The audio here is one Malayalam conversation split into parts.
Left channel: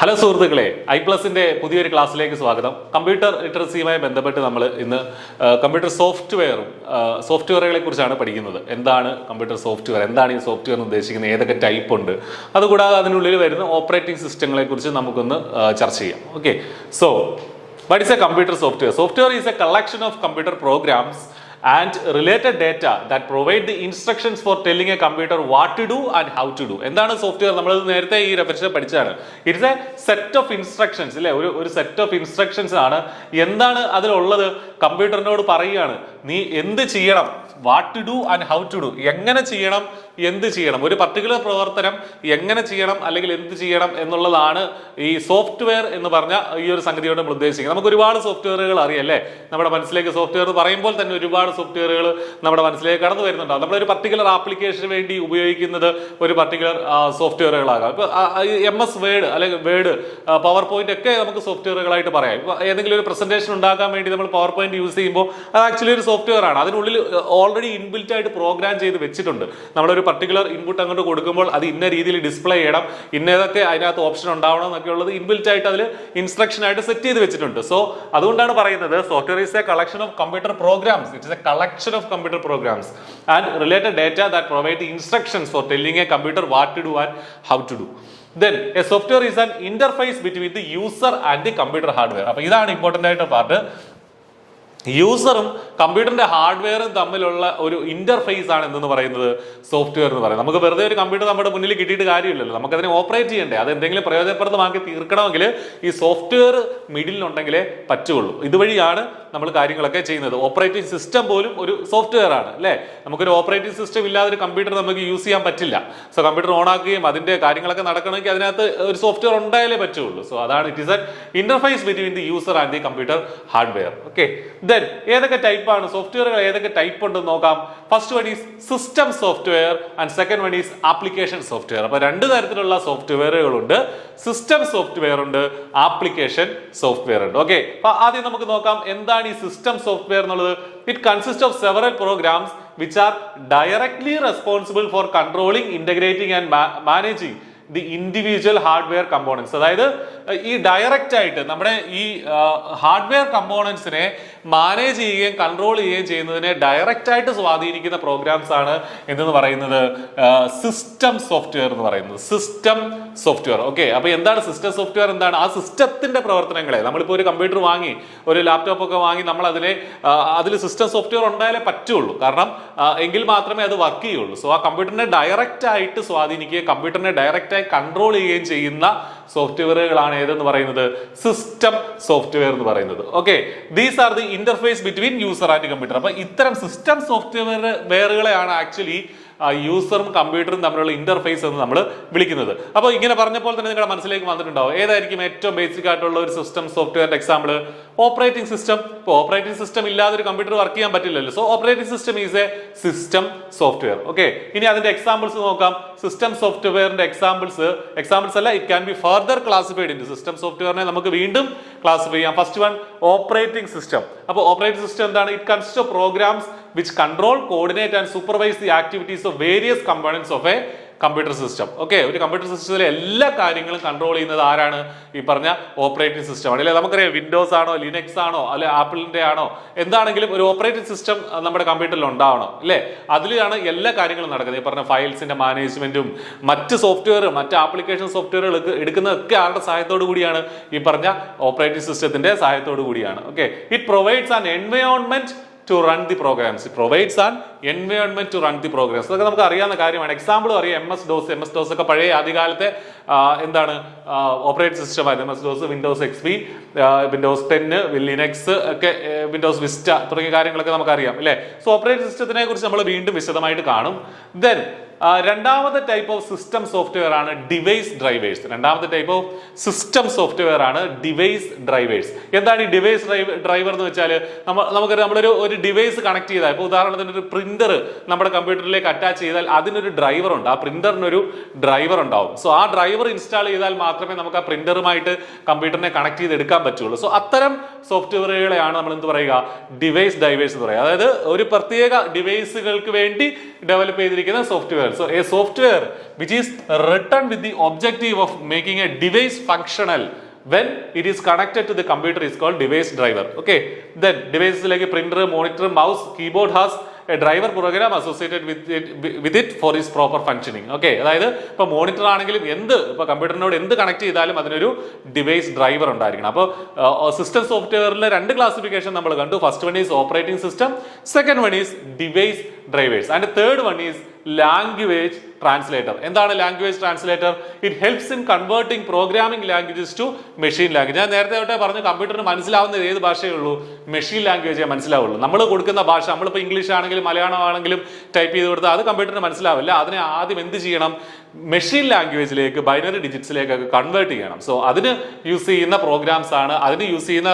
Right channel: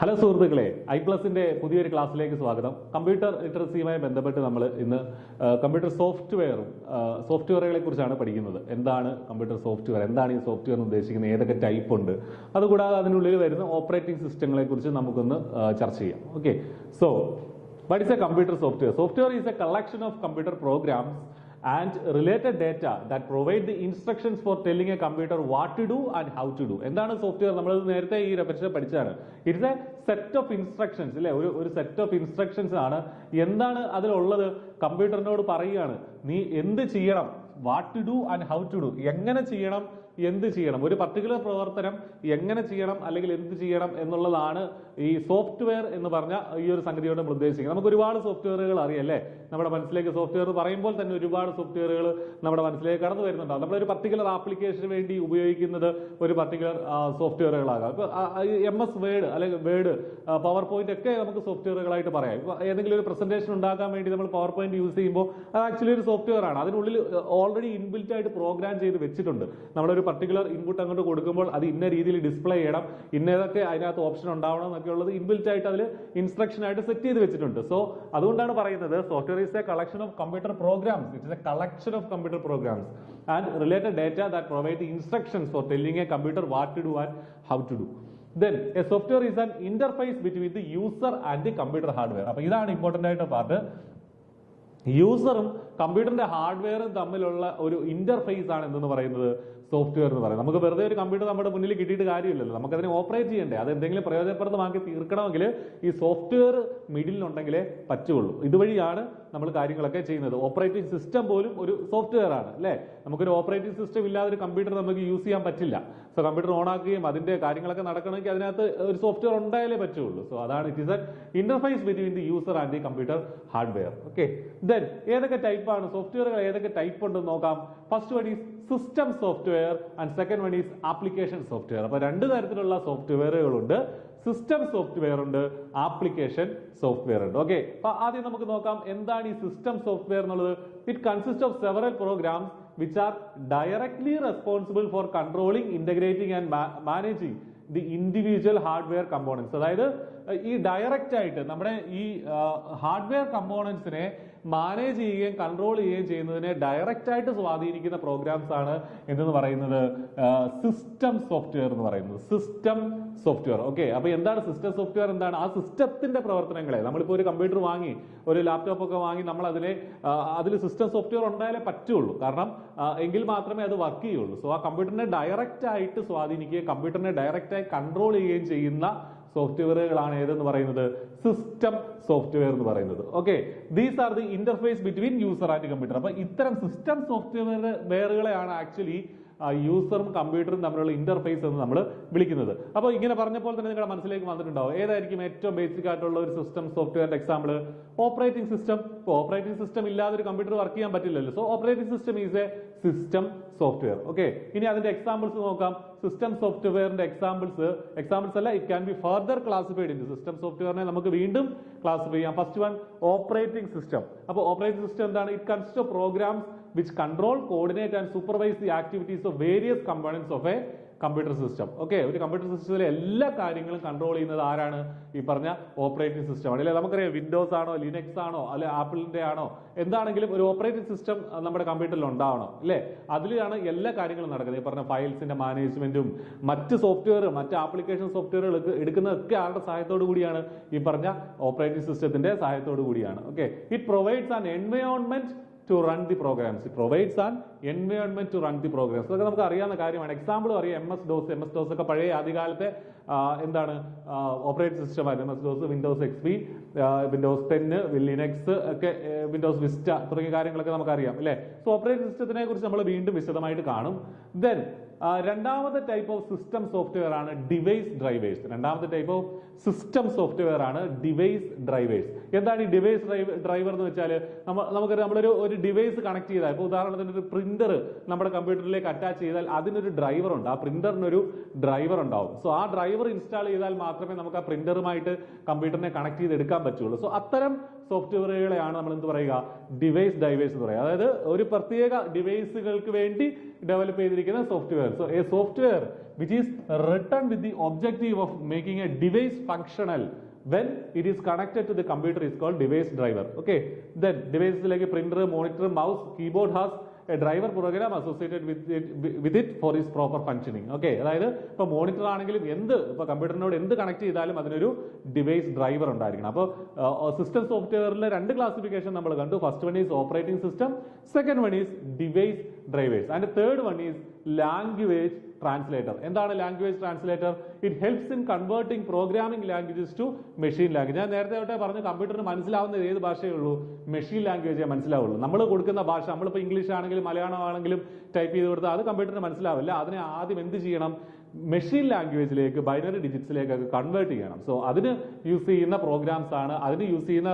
ഹലോ സുഹൃത്തുക്കളെ, ഐ+ന്റെ പുതിയൊരു ക്ലാസ്സിലേക്ക് സ്വാഗതം. കമ്പ്യൂട്ടർ ലിറ്ററസിയുമായി ബന്ധപ്പെട്ട് നമ്മൾ ഇന്ന് കമ്പ്യൂട്ടർ സോഫ്റ്റ്വെയറുകളെ കുറിച്ചാണ് പഠിക്കുന്നത്. എന്താണ് കമ്പ്യൂട്ടർ സോഫ്റ്റ്വെയർ, എന്താണ് ഈ സോഫ്റ്റ്വെയർ ഉദ്ദേശിക്കുന്നത്, ഏതൊക്കെ ടൈപ്പ് ഉണ്ട്, അതുകൂടാതെ അതിനുള്ളിൽ വരുന്ന ഓപ്പറേറ്റിംഗ് സിസ്റ്റങ്ങളെ കുറിച്ച് നമുക്കൊന്ന് ചർച്ച ചെയ്യാം. Okay, so what is a computer software? Software is a collection of computer programs and related data that provide the instructions for telling a computer what to do and how to do. എന്താണ് സോഫ്റ്റ്വെയർ? നമ്മൾ നേരത്തെ ഈ റെഫറൻസ് പഠിച്ചതാണ്. It's A set of instructions അല്ലേ, ഒരു സെറ്റ് ഓഫ് ഇൻസ്ട്രക്ഷൻസ് ആണ്. എന്താണ് അതിലുള്ളത്? കമ്പ്യൂട്ടറിനോട് പറയുകയാണ് നീ എന്ത് ചെയ്യണം, what to do and how to do, എങ്ങനെ ചെയ്യണം, എന്ത് ചെയ്യണം, ഒരു പർട്ടിക്കുലർ പ്രവർത്തനം എങ്ങനെ ചെയ്യണം അല്ലെങ്കിൽ എന്ത് ചെയ്യണം എന്നുള്ളതാണ് ഈ സോഫ്റ്റ്വെയർ എന്ന് പറഞ്ഞ ഈ ഒരു സംഗതിയോട് നമ്മൾ ഉദ്ദേശിക്കുന്നത്. നമുക്ക് ഒരുപാട് സോഫ്റ്റ്വെയറുകൾ അറിയാം അല്ലേ, നമ്മുടെ മനസ്സിലേക്ക് സോഫ്റ്റ്വെയർ പറയുമ്പോൾ തന്നെ ഒരുപാട് സോഫ്റ്റ്വെയറുകൾ നമ്മുടെ മനസ്സിലേക്ക് കടന്നു വരുന്നുണ്ടാവും. നമ്മളൊരു പർട്ടിക്കുലർ ആപ്ലിക്കേഷന് വേണ്ടി ഉപയോഗിക്കുന്നത് ഒരു പർട്ടിക്കുലർ സോഫ്റ്റ്വെയറുകളാകാം. ഇപ്പോൾ MS വേർഡ് അല്ലെങ്കിൽ വേർഡ്, പവർ പോയിന്റ് ഒക്കെ നമുക്ക് സോഫ്റ്റ്വെയറുകളായിട്ട് പറയാം. ഇപ്പോൾ ഏതെങ്കിലും ഒരു പ്രസന്റേഷൻ ഉണ്ടാക്കാൻ വേണ്ടി നമ്മൾ പവർ പോയിന്റ് യൂസ് ചെയ്യുമ്പോൾ അത് ആക്ച്വലി ഒരു സോഫ്റ്റ്വെയർ ആണ്. അതിനുള്ളിൽ ഓൾറെഡി ഇൻബിൽറ്റ് ആയിട്ട് പ്രോഗ്രാം ചെയ്ത് വെച്ചിട്ടുണ്ട്. നമ്മളൊരു പർട്ടിക്കുലർ ഇൻപുട്ട് അങ്ങോട്ട് കൊടുക്കുമ്പോൾ അത് ഇന്ന രീതിയിൽ ഡിസ്പ്ലേ ചെയ്യണം, ഇന്നതൊക്കെ അതിനകത്ത് ഓപ്ഷൻ ഉണ്ടാവണം എന്നൊക്കെ ഉള്ളത് ഇൻബിൽറ്റ് ആയിട്ട് അതിൽ ഇൻസ്ട്രക്ഷൻ ആയിട്ട് സെറ്റ് ചെയ്ത് വെച്ചിട്ടുണ്ട്. സോ അതുകൊണ്ടാണ് പറയുന്നത് software is a collection of computer programs. It's a collection of computer programs and related data that provide the instructions for telling a computer what to do and how to do. Then a software is an interface between the user and the computer hardware. അപ്പോൾ ഇതാണ് ഇമ്പോർട്ടൻ്റ് ആയിട്ട് പാർട്ട്. യൂസറും കമ്പ്യൂട്ടറിന്റെ ഹാർഡ്വെയറും തമ്മിലുള്ള ഒരു ഇന്റർഫേസ് ആണ് എന്തെന്ന് പറയുന്നത് സോഫ്റ്റ്വെയർ എന്ന് പറയുന്നത്. നമുക്ക് വെറുതെ ഒരു കമ്പ്യൂട്ടർ നമ്മുടെ മുന്നിൽ കിട്ടിയിട്ട് കാര്യമില്ലല്ലോ, നമുക്കതിനെ ഓപ്പറേറ്റ് ചെയ്യണ്ടേ, അത് എന്തെങ്കിലും പ്രയോജനപ്രദമാക്കി തീർക്കണമെങ്കിൽ ഈ സോഫ്റ്റ്വെയർ മിഡിലുണ്ടെങ്കിലേ പറ്റുള്ളൂ. ഇതുവഴിയാണ് നമ്മൾ കാര്യങ്ങളൊക്കെ ചെയ്യുന്നത്. ഓപ്പറേറ്റിംഗ് സിസ്റ്റം പോലും ഒരു സോഫ്റ്റ്വെയർ ആണ് അല്ലേ. നമുക്കൊരു ഓപ്പറേറ്റിംഗ് സിസ്റ്റം ഇല്ലാതെ ഒരു കമ്പ്യൂട്ടർ നമുക്ക് യൂസ് ചെയ്യാൻ പറ്റില്ല. സോ കമ്പ്യൂട്ടർ ഓൺ ആക്കുകയും അതിന്റെ കാര്യങ്ങളൊക്കെ നടക്കണമെങ്കിൽ അതിനകത്ത് ഒരു സോഫ്റ്റ്വെയർ ഉണ്ടായാലേ പറ്റുള്ളൂ. സോ അതാണ് it is an interface between the user and the computer hardware. Okay, then ഏതൊക്കെ ടൈപ്പാണ് സോഫ്റ്റ്വെയറുകൾ, ഏതൊക്കെ ടൈപ്പ് ഉണ്ടെന്ന് നോക്കാം. First one is system software and second one is application software. അപ്പൊ രണ്ട് തരത്തിലുള്ള സോഫ്റ്റ്വെയറുകളുണ്ട്. സിസ്റ്റം സോഫ്റ്റ്വെയർ ഉണ്ട്, ആപ്ലിക്കേഷൻ സോഫ്റ്റ്വെയർ ഉണ്ട്. ഓക്കെ, അപ്പൊ ആദ്യം നമുക്ക് നോക്കാം എന്താണ് ഈ സിസ്റ്റം സോഫ്റ്റ്വെയർ എന്നുള്ളത്. It consist of several programs which are directly responsible for controlling, integrating and managing the individual hardware components. അതായത് ഈ ഡയറക്റ്റ് ആയിട്ട് നമ്മുടെ ഈ ഹാർഡ്വെയർ കമ്പോണൻസിനെ മാനേജ് ചെയ്യുകയും കൺട്രോൾ ചെയ്യുകയും ചെയ്യുന്നതിനെ ഡയറക്റ്റ് ആയിട്ട് സ്വാധീനിക്കുന്ന പ്രോഗ്രാംസ് ആണ് എന്തെന്ന് പറയുന്നത് സിസ്റ്റം സോഫ്റ്റ്വെയർ എന്ന് പറയുന്നത്. System software. ഓക്കെ, അപ്പൊ എന്താണ് സിസ്റ്റം സോഫ്റ്റ്വെയർ? എന്താണ് ആ സിസ്റ്റത്തിന്റെ പ്രവർത്തനങ്ങളെ, നമ്മളിപ്പോൾ ഒരു കമ്പ്യൂട്ടർ വാങ്ങി, ഒരു ലാപ്ടോപ്പ് ഒക്കെ വാങ്ങി, നമ്മൾ അതിൽ സിസ്റ്റം സോഫ്റ്റ്വെയർ ഉണ്ടായാലേ പറ്റുള്ളൂ. കാരണം എങ്കിൽ മാത്രമേ അത് വർക്ക് ചെയ്യുള്ളൂ. സോ ആ കമ്പ്യൂട്ടറിനെ ഡയറക്റ്റ് ആയിട്ട് സ്വാധീനിക്കുകയും കമ്പ്യൂട്ടറിനെ ഡയറക്റ്റ് ആയി കൺട്രോൾ ചെയ്യുകയും ചെയ്യുന്ന സോഫ്റ്റ്വെയറുകളാണ് ഏതെന്ന് പറയുന്നത് സിസ്റ്റം സോഫ്റ്റ്വെയർ എന്ന് പറയുന്നത്. Okay, these are the interface between user and computer. അപ്പൊ ഇത്തരം സിസ്റ്റം സോഫ്റ്റ്വെയറുകളെയാണ് ആക്ച്വലി യൂസറും കമ്പ്യൂട്ടറും തമ്മിലുള്ള ഇന്റർഫേസ് എന്ന് നമ്മൾ വിളിക്കുന്നത്. അപ്പോൾ ഇങ്ങനെ പറഞ്ഞപ്പോൾ തന്നെ നിങ്ങളുടെ മനസ്സിലേക്ക് വന്നിട്ടുണ്ടാവും ഏതായിരിക്കും ഏറ്റവും ബേസിക് ആയിട്ടുള്ള ഒരു സിസ്റ്റം സോഫ്റ്റ്വെയറിന്റെ എക്സാമ്പിൾ? Operating system. ഇപ്പോൾ ഓപ്പറേറ്റിംഗ് സിസ്റ്റം ഇല്ലാതെ ഒരു കമ്പ്യൂട്ടർ വർക്ക് ചെയ്യാൻ പറ്റില്ലല്ലോ. So operating system is a system software. Okay, ഇനി അതിന്റെ എക്സാമ്പിൾസ് നോക്കാം. സിസ്റ്റം സോഫ്റ്റ്വെയറിന്റെ എക്സാമ്പിൾസ് അല്ല, it can be further classified in system സോഫ്റ്റ്വെയറിനെ നമുക്ക് വീണ്ടും ക്ലാസിഫൈ ചെയ്യാം. First one, operating system. അപ്പോൾ ഓപ്പറേറ്റിംഗ് സിസ്റ്റം എന്താണ്? It consist of programs which control, coordinate and supervise the activities of various components of a computer system. Okay, ഒരു കമ്പ്യൂട്ടർ സിസ്റ്റത്തിലെ എല്ലാ കാര്യങ്ങളും കൺട്രോൾ ചെയ്യുന്നത് ആരാണ്? ഈ പറഞ്ഞ ഓപ്പറേറ്റിംഗ് സിസ്റ്റം ആണ്. അല്ലെ, നമുക്കറിയാം വിൻഡോസ് ആണോ, ലിനക്സ് ആണോ, അല്ലെ ആപ്പിളിന്റെ ആണോ, എന്താണെങ്കിലും ഒരു ഓപ്പറേറ്റിംഗ് സിസ്റ്റം നമ്മുടെ കമ്പ്യൂട്ടറിൽ ഉണ്ടാവണം അല്ലേ. അതിലാണ് എല്ലാ കാര്യങ്ങളും നടക്കുന്നത്. ഈ പറഞ്ഞ ഫയൽസിന്റെ മാനേജ്മെന്റും മറ്റ് സോഫ്റ്റ്വെയർ, മറ്റ് ആപ്ലിക്കേഷൻ സോഫ്റ്റ്വെയറുകൾ എടുക്കുന്നതൊക്കെ ആരുടെ സഹായത്തോടു കൂടിയാണ്? ഈ പറഞ്ഞ ഓപ്പറേറ്റിംഗ് സിസ്റ്റത്തിന്റെ സഹായത്തോടു കൂടിയാണ്. Okay, it provides an environment to run the programs. It provides an environment to run the programs. അതൊക്കെ നമുക്ക് അറിയാവുന്ന കാര്യമാണ്. എക്സാമ്പിൾ അറിയാം, MS DOS ഒക്കെ പഴയ ആദ്യകാലത്തെ എന്താണ് ഓപ്പറേറ്റിംഗ് സിസ്റ്റം ആയിരുന്നു. MS DOS, Windows XP, Windows 10, Linux ഒക്കെ, വിൻഡോസ് വിസ്റ്റ തുടങ്ങിയ കാര്യങ്ങളൊക്കെ നമുക്കറിയാം അല്ലേ. സോ ഓപ്പറേറ്റിംഗ് സിസ്റ്റത്തിനെ കുറിച്ച് നമ്മൾ വീണ്ടും വിശദമായിട്ട് കാണും. ദെൻ രണ്ടാമത്തെ ടൈപ്പ് ഓഫ് സിസ്റ്റം സോഫ്റ്റ്വെയർ ആണ് ഡിവൈസ് ഡ്രൈവേഴ്സ്. രണ്ടാമത്തെ ടൈപ്പ് ഓഫ് സിസ്റ്റം സോഫ്റ്റ്വെയർ ആണ് ഡിവൈസ് ഡ്രൈവേഴ്സ്. എന്താണ് ഈ ഡിവൈസ് ഡ്രൈവർ എന്ന് വെച്ചാൽ? നമ്മളൊരു ഡിവൈസ് കണക്ട് ചെയ്താൽ, ഇപ്പോൾ ഉദാഹരണത്തിന് ഒരു പ്രിന്റർ നമ്മുടെ കമ്പ്യൂട്ടറിലേക്ക് അറ്റാച്ച് ചെയ്താൽ അതിനൊരു ഡ്രൈവർ ഉണ്ട്. ആ പ്രിന്ററിനൊരു ഡ്രൈവർ ഉണ്ടാവും. സോ ആ ഡ്രൈവർ ഇൻസ്റ്റാൾ ചെയ്താൽ മാത്രമേ നമുക്ക് ആ പ്രിന്ററുമായിട്ട് കമ്പ്യൂട്ടറിനെ കണക്ട് ചെയ്തെടുക്കാൻ പറ്റുള്ളൂ. സോ അത്തരം സോഫ്റ്റ്വെയറുകളെയാണ് നമ്മൾ എന്ത് പറയുക? ഡിവൈസ് ഡ്രൈവേഴ്സ് എന്ന് പറയുക. അതായത് ഒരു പ്രത്യേക ഡിവൈസുകൾക്ക് വേണ്ടി ഡെവലപ്പ് ചെയ്തിരിക്കുന്ന software. software. So a software which is written with the objective of making a device functional when it is connected to the computer is called device driver. Okay, then devices like a printer, monitor, mouse, keyboard has a driver program associated with it for its proper functioning. Okay, അതായത് ഇപ്പോൾ മോണിറ്റർ ആണെങ്കിലും ഇപ്പോൾ കമ്പ്യൂട്ടറിനോട് എന്ത് കണക്ട് ചെയ്താലും അതിനൊരു ഡിവൈസ് ഡ്രൈവർ ഉണ്ടായിരിക്കണം. അപ്പോൾ സിസ്റ്റം സോഫ്റ്റ്വെയറിലെ രണ്ട് ക്ലാസിഫിക്കേഷൻ നമ്മൾ കണ്ടു. First one is operating system, second one is device drivers, and third one is language translator. എന്താണ് language translator? It helps in converting programming languages to machine language. ഞാൻ നേരത്തെ തൊട്ടേ പറഞ്ഞു, കമ്പ്യൂട്ടറിന് മനസ്സിലാവുന്നത് ഏത് ഭാഷയേ ഉള്ളൂ? മെഷീൻ ലാംഗ്വേജേ മനസ്സിലാവുള്ളൂ. നമ്മൾ കൊടുക്കുന്ന ഭാഷ, നമ്മളിപ്പോൾ ഇംഗ്ലീഷ് ആണെങ്കിലും മലയാളം ആണെങ്കിലും ടൈപ്പ് ചെയ്ത് കൊടുത്താൽ അത് കമ്പ്യൂട്ടറിന് മനസ്സിലാവില്ല. അതിനെ ആദ്യം എന്ത് ചെയ്യണം? മെഷീൻ ലാംഗ്വേജിലേക്ക്, ബൈനറി ഡിജിറ്റ്സിലേക്കൊക്കെ കൺവേർട്ട് ചെയ്യണം. സോ അതിന് യൂസ് ചെയ്യുന്ന പ്രോഗ്രാംസ് ആണ്, അതിന് യൂസ് ചെയ്യുന്ന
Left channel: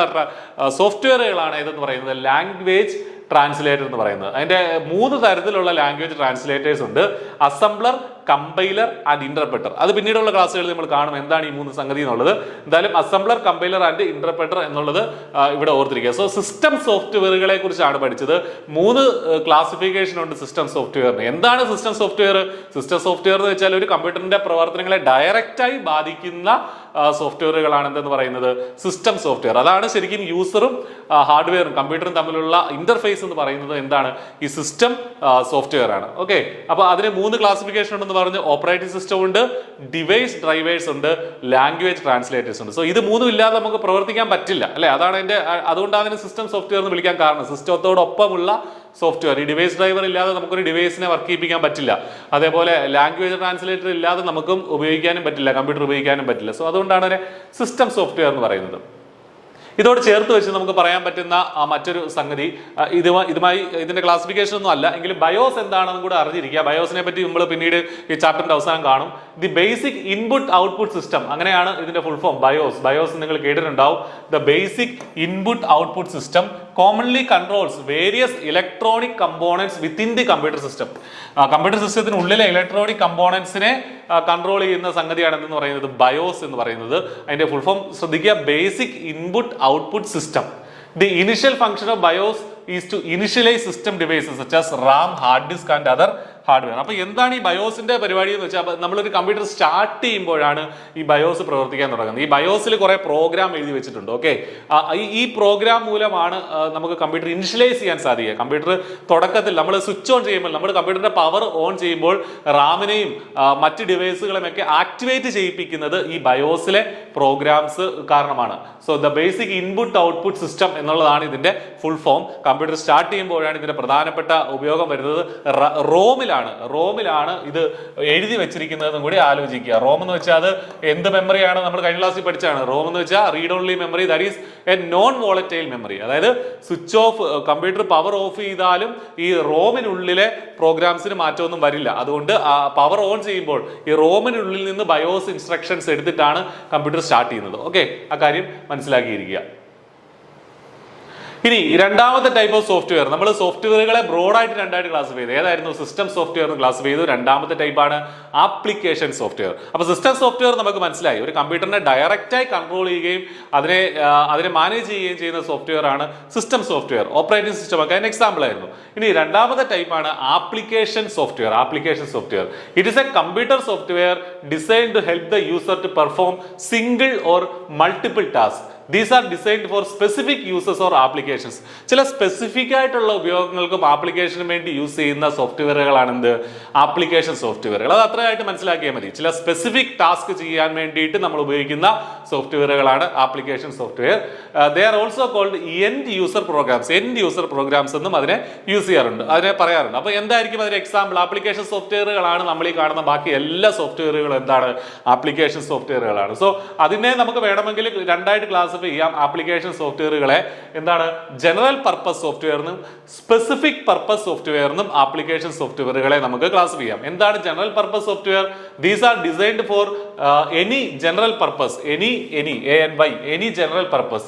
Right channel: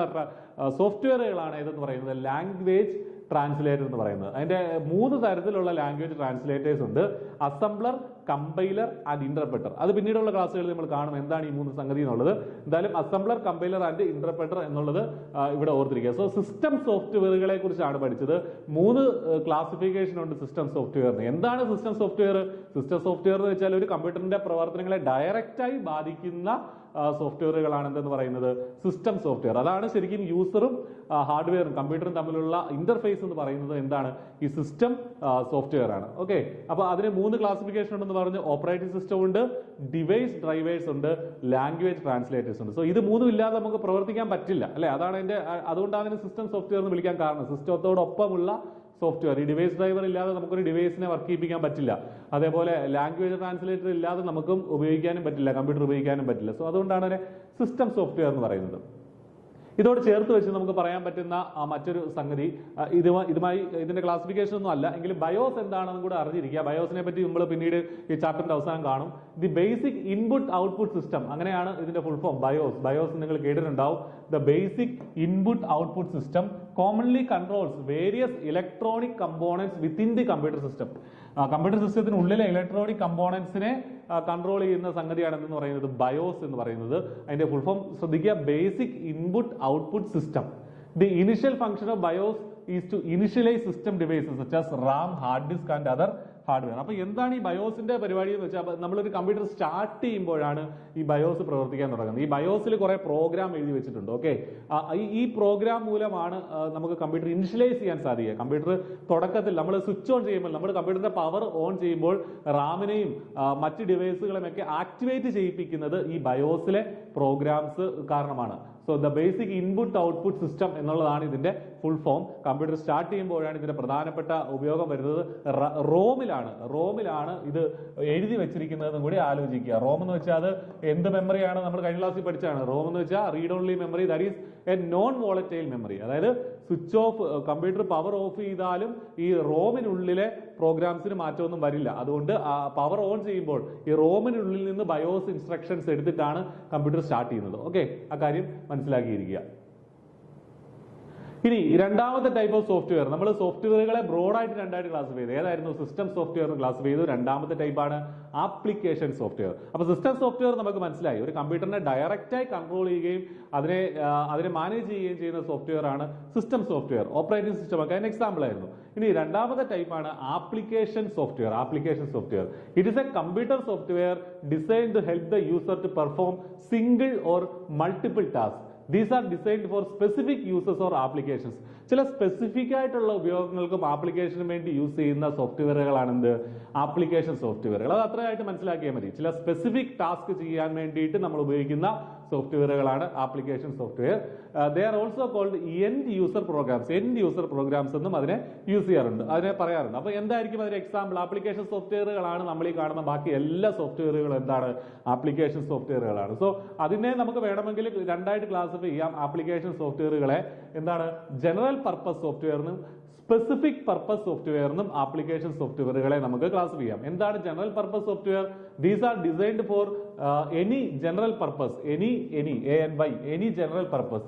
സോഫ്റ്റ്വെയറുകളാണ് ഇതെന്ന് പറയുന്നത് ലാംഗ്വേജ് ട്രാൻസ്ലേറ്റർ എന്ന് പറയുന്നത്. അതിന്റെ 3 തരത്തിലുള്ള ലാംഗ്വേജ് ട്രാൻസ്ലേറ്റേഴ്സ് ഉണ്ട്: അസംബ്ലർ, കമ്പൈലർ ആൻഡ് ഇന്റർപ്രറ്റർ. അത് പിന്നീടുള്ള ക്ലാസ്സുകളിൽ നമ്മൾ കാണും എന്താണ് ഈ 3 സംഗതി എന്നുള്ളത്. എന്തായാലും അസംബ്ലർ, കമ്പൈലർ ആൻഡ് ഇന്റർപ്രറ്റർ എന്നുള്ളത് ഇവിടെ ഓർത്തിരിക്കുക. സോ സിസ്റ്റം സോഫ്റ്റ്വെയറുകളെ കുറിച്ചാണ് പഠിച്ചത്. 3 ക്ലാസിഫിക്കേഷൻ ഉണ്ട് സിസ്റ്റം സോഫ്റ്റ്വെയറിന്. എന്താണ് സിസ്റ്റം സോഫ്റ്റ്വെയർ? സിസ്റ്റം സോഫ്റ്റ്വെയർ എന്ന് വെച്ചാൽ ഒരു കമ്പ്യൂട്ടറിന്റെ പ്രവർത്തനങ്ങളെ ഡയറക്റ്റായി ബാധിക്കുന്ന സോഫ്റ്റ്വെയറുകളാണ് എന്തെന്ന് പറയുന്നത് സിസ്റ്റം സോഫ്റ്റ്വെയർ. അതാണ് ശരിക്കും യൂസറും ഹാർഡ്വെയറും കമ്പ്യൂട്ടറും തമ്മിലുള്ള ഇന്റർഫേസ് എന്ന് പറയുന്നത് എന്താണ്? ഈ സിസ്റ്റം സോഫ്റ്റ്വെയർ ആണ്. ഓക്കെ, അപ്പൊ അതിന് 3 ക്ലാസിഫിക്കേഷൻ ഉണ്ടെന്ന് പറഞ്ഞു. ഓപ്പറേറ്റിംഗ് സിസ്റ്റം ഉണ്ട്, ഡിവൈസ് ഡ്രൈവേഴ്സ് ഉണ്ട്, ലാംഗ്വേജ് ട്രാൻസ്ലേറ്റേഴ്സ് ഉണ്ട്. സോ ഇത് 3 ഇല്ലാതെ നമുക്ക് പ്രവർത്തിക്കാൻ പറ്റില്ല അല്ലെ? അതുകൊണ്ടാണ് അതിന് സിസ്റ്റം സോഫ്റ്റ്വെയർ എന്ന് വിളിക്കാൻ കാരണം. സിസ്റ്റത്തോടൊപ്പമുള്ള സോഫ്റ്റ്വെയർ. ഈ ഡിവൈസ് ഡ്രൈവർ ഇല്ലാതെ നമുക്കൊരു ഡിവൈസിനെ വർക്ക് ചെയ്യിപ്പിക്കാൻ പറ്റില്ല. അതേപോലെ ലാംഗ്വേജ് ട്രാൻസ്ലേറ്റർ ഇല്ലാതെ നമുക്കും ഉപയോഗിക്കാനും പറ്റില്ല, കമ്പ്യൂട്ടർ ഉപയോഗിക്കാനും പറ്റില്ല. സോ അതുകൊണ്ടാണ് അതിനെ സിസ്റ്റം സോഫ്റ്റ്വെയർ എന്ന് പറയുന്നത്. ഇതോട് ചേർത്ത് വെച്ച് നമുക്ക് പറയാൻ പറ്റുന്ന മറ്റൊരു സംഗതി, ഇതുമായി ഇതിന്റെ ക്ലാസിഫിക്കേഷൻ ഒന്നും അല്ല എങ്കിലും ബയോസ് എന്താണെന്നും കൂടെ അറിഞ്ഞിരിക്കുക. ബയോസിനെ പറ്റി നമ്മൾ പിന്നീട് ഈ ചാപ്റ്ററിന്റെ അവസാനം കാണും. The basic input output system, അങ്ങനെയാണ് ഇതിന്റെ ഫുൾ ഫോം. ബയോസ് നിങ്ങൾ കേട്ടിട്ടുണ്ടാവും. The basic input output system commonly controls various electronic components within the computer system. Computer സിസ്റ്റത്തിനുള്ളിലെ ഇലക്ട്രോണിക് കമ്പോണൻസിനെ കൺട്രോൾ ചെയ്യുന്ന സംഗതിയാണ് എന്ന് പറയുന്നത് ബയോസ് എന്ന് പറയുന്നത്. അതിന്റെ ഫുൾ ഫോം ശ്രദ്ധിക്കുക: basic input output system. The initial function of BIOS is to initialize system devices such as RAM, hard disk and other hardware. അപ്പോൾ എന്താണ് ഈ ബയോസിന്റെ പരിപാടി എന്ന് വെച്ചാൽ, നമ്മളൊരു കമ്പ്യൂട്ടർ സ്റ്റാർട്ട് ചെയ്യുമ്പോഴാണ് ഈ ബയോസ് പ്രവർത്തിക്കാൻ തുടങ്ങുന്നത്. ഈ ബയോസിൽ കുറെ പ്രോഗ്രാം എഴുതി വെച്ചിട്ടുണ്ട്. ഓക്കെ, ഈ പ്രോഗ്രാം മൂലമാണ് നമുക്ക് കമ്പ്യൂട്ടർ ഇനിഷ്യലൈസ് ചെയ്യാൻ സാധിക്കുക. കമ്പ്യൂട്ടർ തുടക്കത്തിൽ നമ്മൾ സ്വിച്ച് ഓൺ ചെയ്യുമ്പോൾ, നമ്മൾ കമ്പ്യൂട്ടറിന്റെ പവർ ഓൺ ചെയ്യുമ്പോൾ റാമിനെയും മറ്റ് ഡിവൈസുകളെയും ഒക്കെ ആക്ടിവേറ്റ് ചെയ്യിപ്പിക്കുന്നത് ഈ ബയോസിലെ പ്രോഗ്രാംസ് കാരണമാണ്. So the basic input output system എന്നുള്ളതാണ് ഇതിന്റെ ഫുൾ ഫോം. കമ്പ്യൂട്ടർ സ്റ്റാർട്ട് ചെയ്യുമ്പോഴാണ് ഇതിന്റെ പ്രധാനപ്പെട്ട ഉപയോഗം വരുന്നത്. റോമിലാണ് ഇത് എഴുതി വെച്ചിരിക്കുന്നതെന്നും കൂടി ആലോചിക്കുക. റോം എന്ന് വെച്ചാൽ അത് എന്ത് മെമ്മറിയാണ്? നമ്മൾ കഴിഞ്ഞ ക്ലാസ്സിൽ പഠിച്ചാണ്. റോം എന്ന് വെച്ചാൽ read only memory, that is a non volatile memory. അതായത് switch off, computer power off ചെയ്താലും ഈ റോമിനുള്ളിലെ പ്രോഗ്രാംസിന് മാറ്റമൊന്നും വരില്ല. അതുകൊണ്ട് പവർ ഓൺ ചെയ്യുമ്പോൾ ഈ റോമിനുള്ളിൽ നിന്ന് ബയോസ് ഇൻസ്ട്രക്ഷൻസ് എടുത്തിട്ടാണ് കമ്പ്യൂട്ടർ സ്റ്റാർട്ട് ചെയ്യുന്നത്. ഓക്കെ, ആ കാര്യം മനസ്സിലാക്കിയിരിക്കുക. ഇനി രണ്ടാമത്തെ ടൈപ്പ് ഓഫ് സോഫ്റ്റ്വെയർ, നമ്മൾ സോഫ്റ്റ്വെയറുകളെ ബ്രോഡായിട്ട് രണ്ടായിട്ട് ക്ലാസിഫൈ ചെയ്തു. ഏതായിരുന്നു? സിസ്റ്റം സോഫ്റ്റ്വെയർ ക്ലാസിഫൈ ചെയ്തു. രണ്ടാമത്തെ ടൈപ്പാണ് ആപ്ലിക്കേഷൻ സോഫ്റ്റ്വെയർ. അപ്പോൾ സിസ്റ്റം സോഫ്റ്റ്വെയർ നമുക്ക് മനസ്സിലായി, ഒരു കമ്പ്യൂട്ടറിനെ ഡയറക്റ്റായി കൺട്രോൾ ചെയ്യുകയും അതിനെ മാനേജ് ചെയ്യുകയും ചെയ്യുന്ന സോഫ്റ്റ്വെയർ ആണ് സിസ്റ്റം സോഫ്റ്റ്വെയർ. ഓപ്പറേറ്റിംഗ് സിസ്റ്റം ഒക്കെ അതിന് എക്സാമ്പിൾ ആയിരുന്നു. ഇനി രണ്ടാമത്തെ ടൈപ്പാണ് application software. It is a computer software design to help the user to perform single or multiple task. These are designed for specific uses or applications. ചില സ്പെസിഫിക് ആയിട്ടുള്ള ഉപയോഗങ്ങൾക്കും ആപ്ലിക്കേഷനും വേണ്ടി യൂസ് ചെയ്യുന്ന സോഫ്റ്റ്വെയറുകളാണ് എന്ത്? ആപ്ലിക്കേഷൻ സോഫ്റ്റ്വെയറുകൾ. അത് അത്രയായിട്ട് മനസ്സിലാക്കിയാൽ മതി. ചില സ്പെസിഫിക് ടാസ്ക് ചെയ്യാൻ വേണ്ടിയിട്ട് നമ്മൾ ഉപയോഗിക്കുന്ന സോഫ്റ്റ്വെയറുകളാണ് application software. They are also called end user programs എന്നും അതിനെ യൂസ് ചെയ്യാറുണ്ട്, അതിനെ പറയാറുണ്ട്. അപ്പോൾ എന്തായിരിക്കും അതിന്റെ എക്സാമ്പിൾ? ആപ്ലിക്കേഷൻ സോഫ്റ്റ്വെയറുകളാണ്. നമ്മൾ ഈ കാണുന്ന ബാക്കി എല്ലാ സോഫ്റ്റ്വെയറുകളും എന്താണ്? ആപ്ലിക്കേഷൻ സോഫ്റ്റ്വെയറുകളാണ്. സോ അതിനെ നമുക്ക് വേണമെങ്കിൽ രണ്ടായിട്ട് ക്ലാസ് ചെയ്യാം. ആപ്ലിക്കേഷൻ സോഫ്റ്റ്വെയറുകളെ എന്താണ്? ജനറൽ പർപ്പസ് സോഫ്റ്റ്വെയറിനും സ്പെസിഫിക് പർപ്പസ് സോഫ്റ്റ്വെയറിനും ആപ്ലിക്കേഷൻ സോഫ്റ്റ്വെയറുകളെ നമുക്ക് ക്ലാസ് ചെയ്യാം. എന്താണ് general purpose software? These are designed for any general purpose, any any general purpose.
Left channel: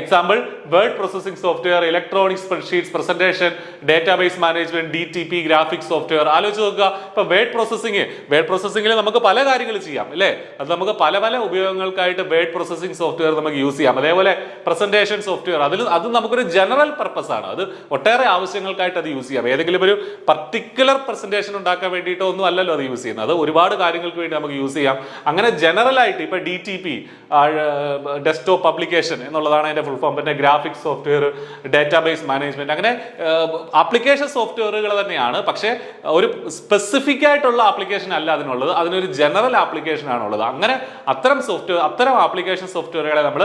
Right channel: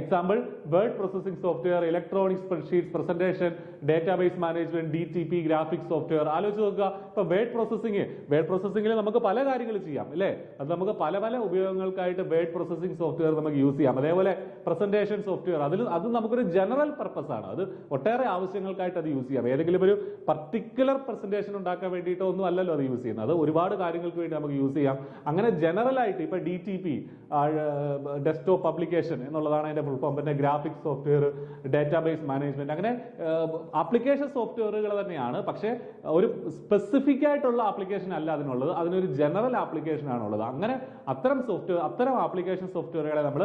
Example, word processing software, electronic spreadsheets, presentation, database management, DTP, graphics software. ആലോചിച്ച് നോക്കുക, ഇപ്പൊ വേർഡ് പ്രോസസ്സിംഗിൽ നമുക്ക് പല കാര്യങ്ങൾ ചെയ്യാം അല്ലേ. അത് നമുക്ക് പല ഉപയോഗങ്ങൾക്കായിട്ട് വേർഡ് പ്രോസസ്സിംഗ് സോഫ്റ്റ്വെയർ നമുക്ക് യൂസ് ചെയ്യാം. അതേപോലെ പ്രസന്റേഷൻ സോഫ്റ്റ്വെയർ, അത് നമുക്കൊരു ജനറൽ പർപ്പസ് ആണ്. അത് ഒട്ടേറെ ആവശ്യങ്ങൾക്കായിട്ട് അത് യൂസ് ചെയ്യാം. ഏതെങ്കിലും ഒരു പർട്ടിക്കുലർ പ്രസന്റേഷൻ ഉണ്ടാക്കാൻ വേണ്ടിയിട്ടോ ഒന്നും അല്ലല്ലോ അത് യൂസ് ചെയ്യുന്നത്. അത് ഒരുപാട് കാര്യങ്ങൾക്ക് വേണ്ടി നമുക്ക് യൂസ് ചെയ്യാം. അങ്ങനെ ജനറൽ ആയിട്ട് ഇപ്പൊ DTP, ഡെസ്ക്ടോപ്പ് പബ്ലിക്കേഷൻ എന്നുള്ളതാണ് അതിന്റെ ഫുൾ ഫോം. പിന്നെ ഗ്രാഫിക്സ് സോഫ്റ്റ്വെയർ, ഡേറ്റാബേസ് മാനേജ്മെന്റ്, അങ്ങനെ ആപ്ലിക്കേഷൻ സോഫ്റ്റ്വെയറുകൾ തന്നെയാണ്. പക്ഷേ ഒരു സ്പെസിഫിക് ആയിട്ടുള്ള ആപ്ലിക്കേഷൻ അല്ല അതിനുള്ളത്, അതിനൊരു ജനറൽ ആപ്ലിക്കേഷൻ ആണുള്ളത്. അങ്ങനെ അത്തരം ആപ്ലിക്കേഷൻ സോഫ്റ്റ്വെയറുകളെ നമ്മൾ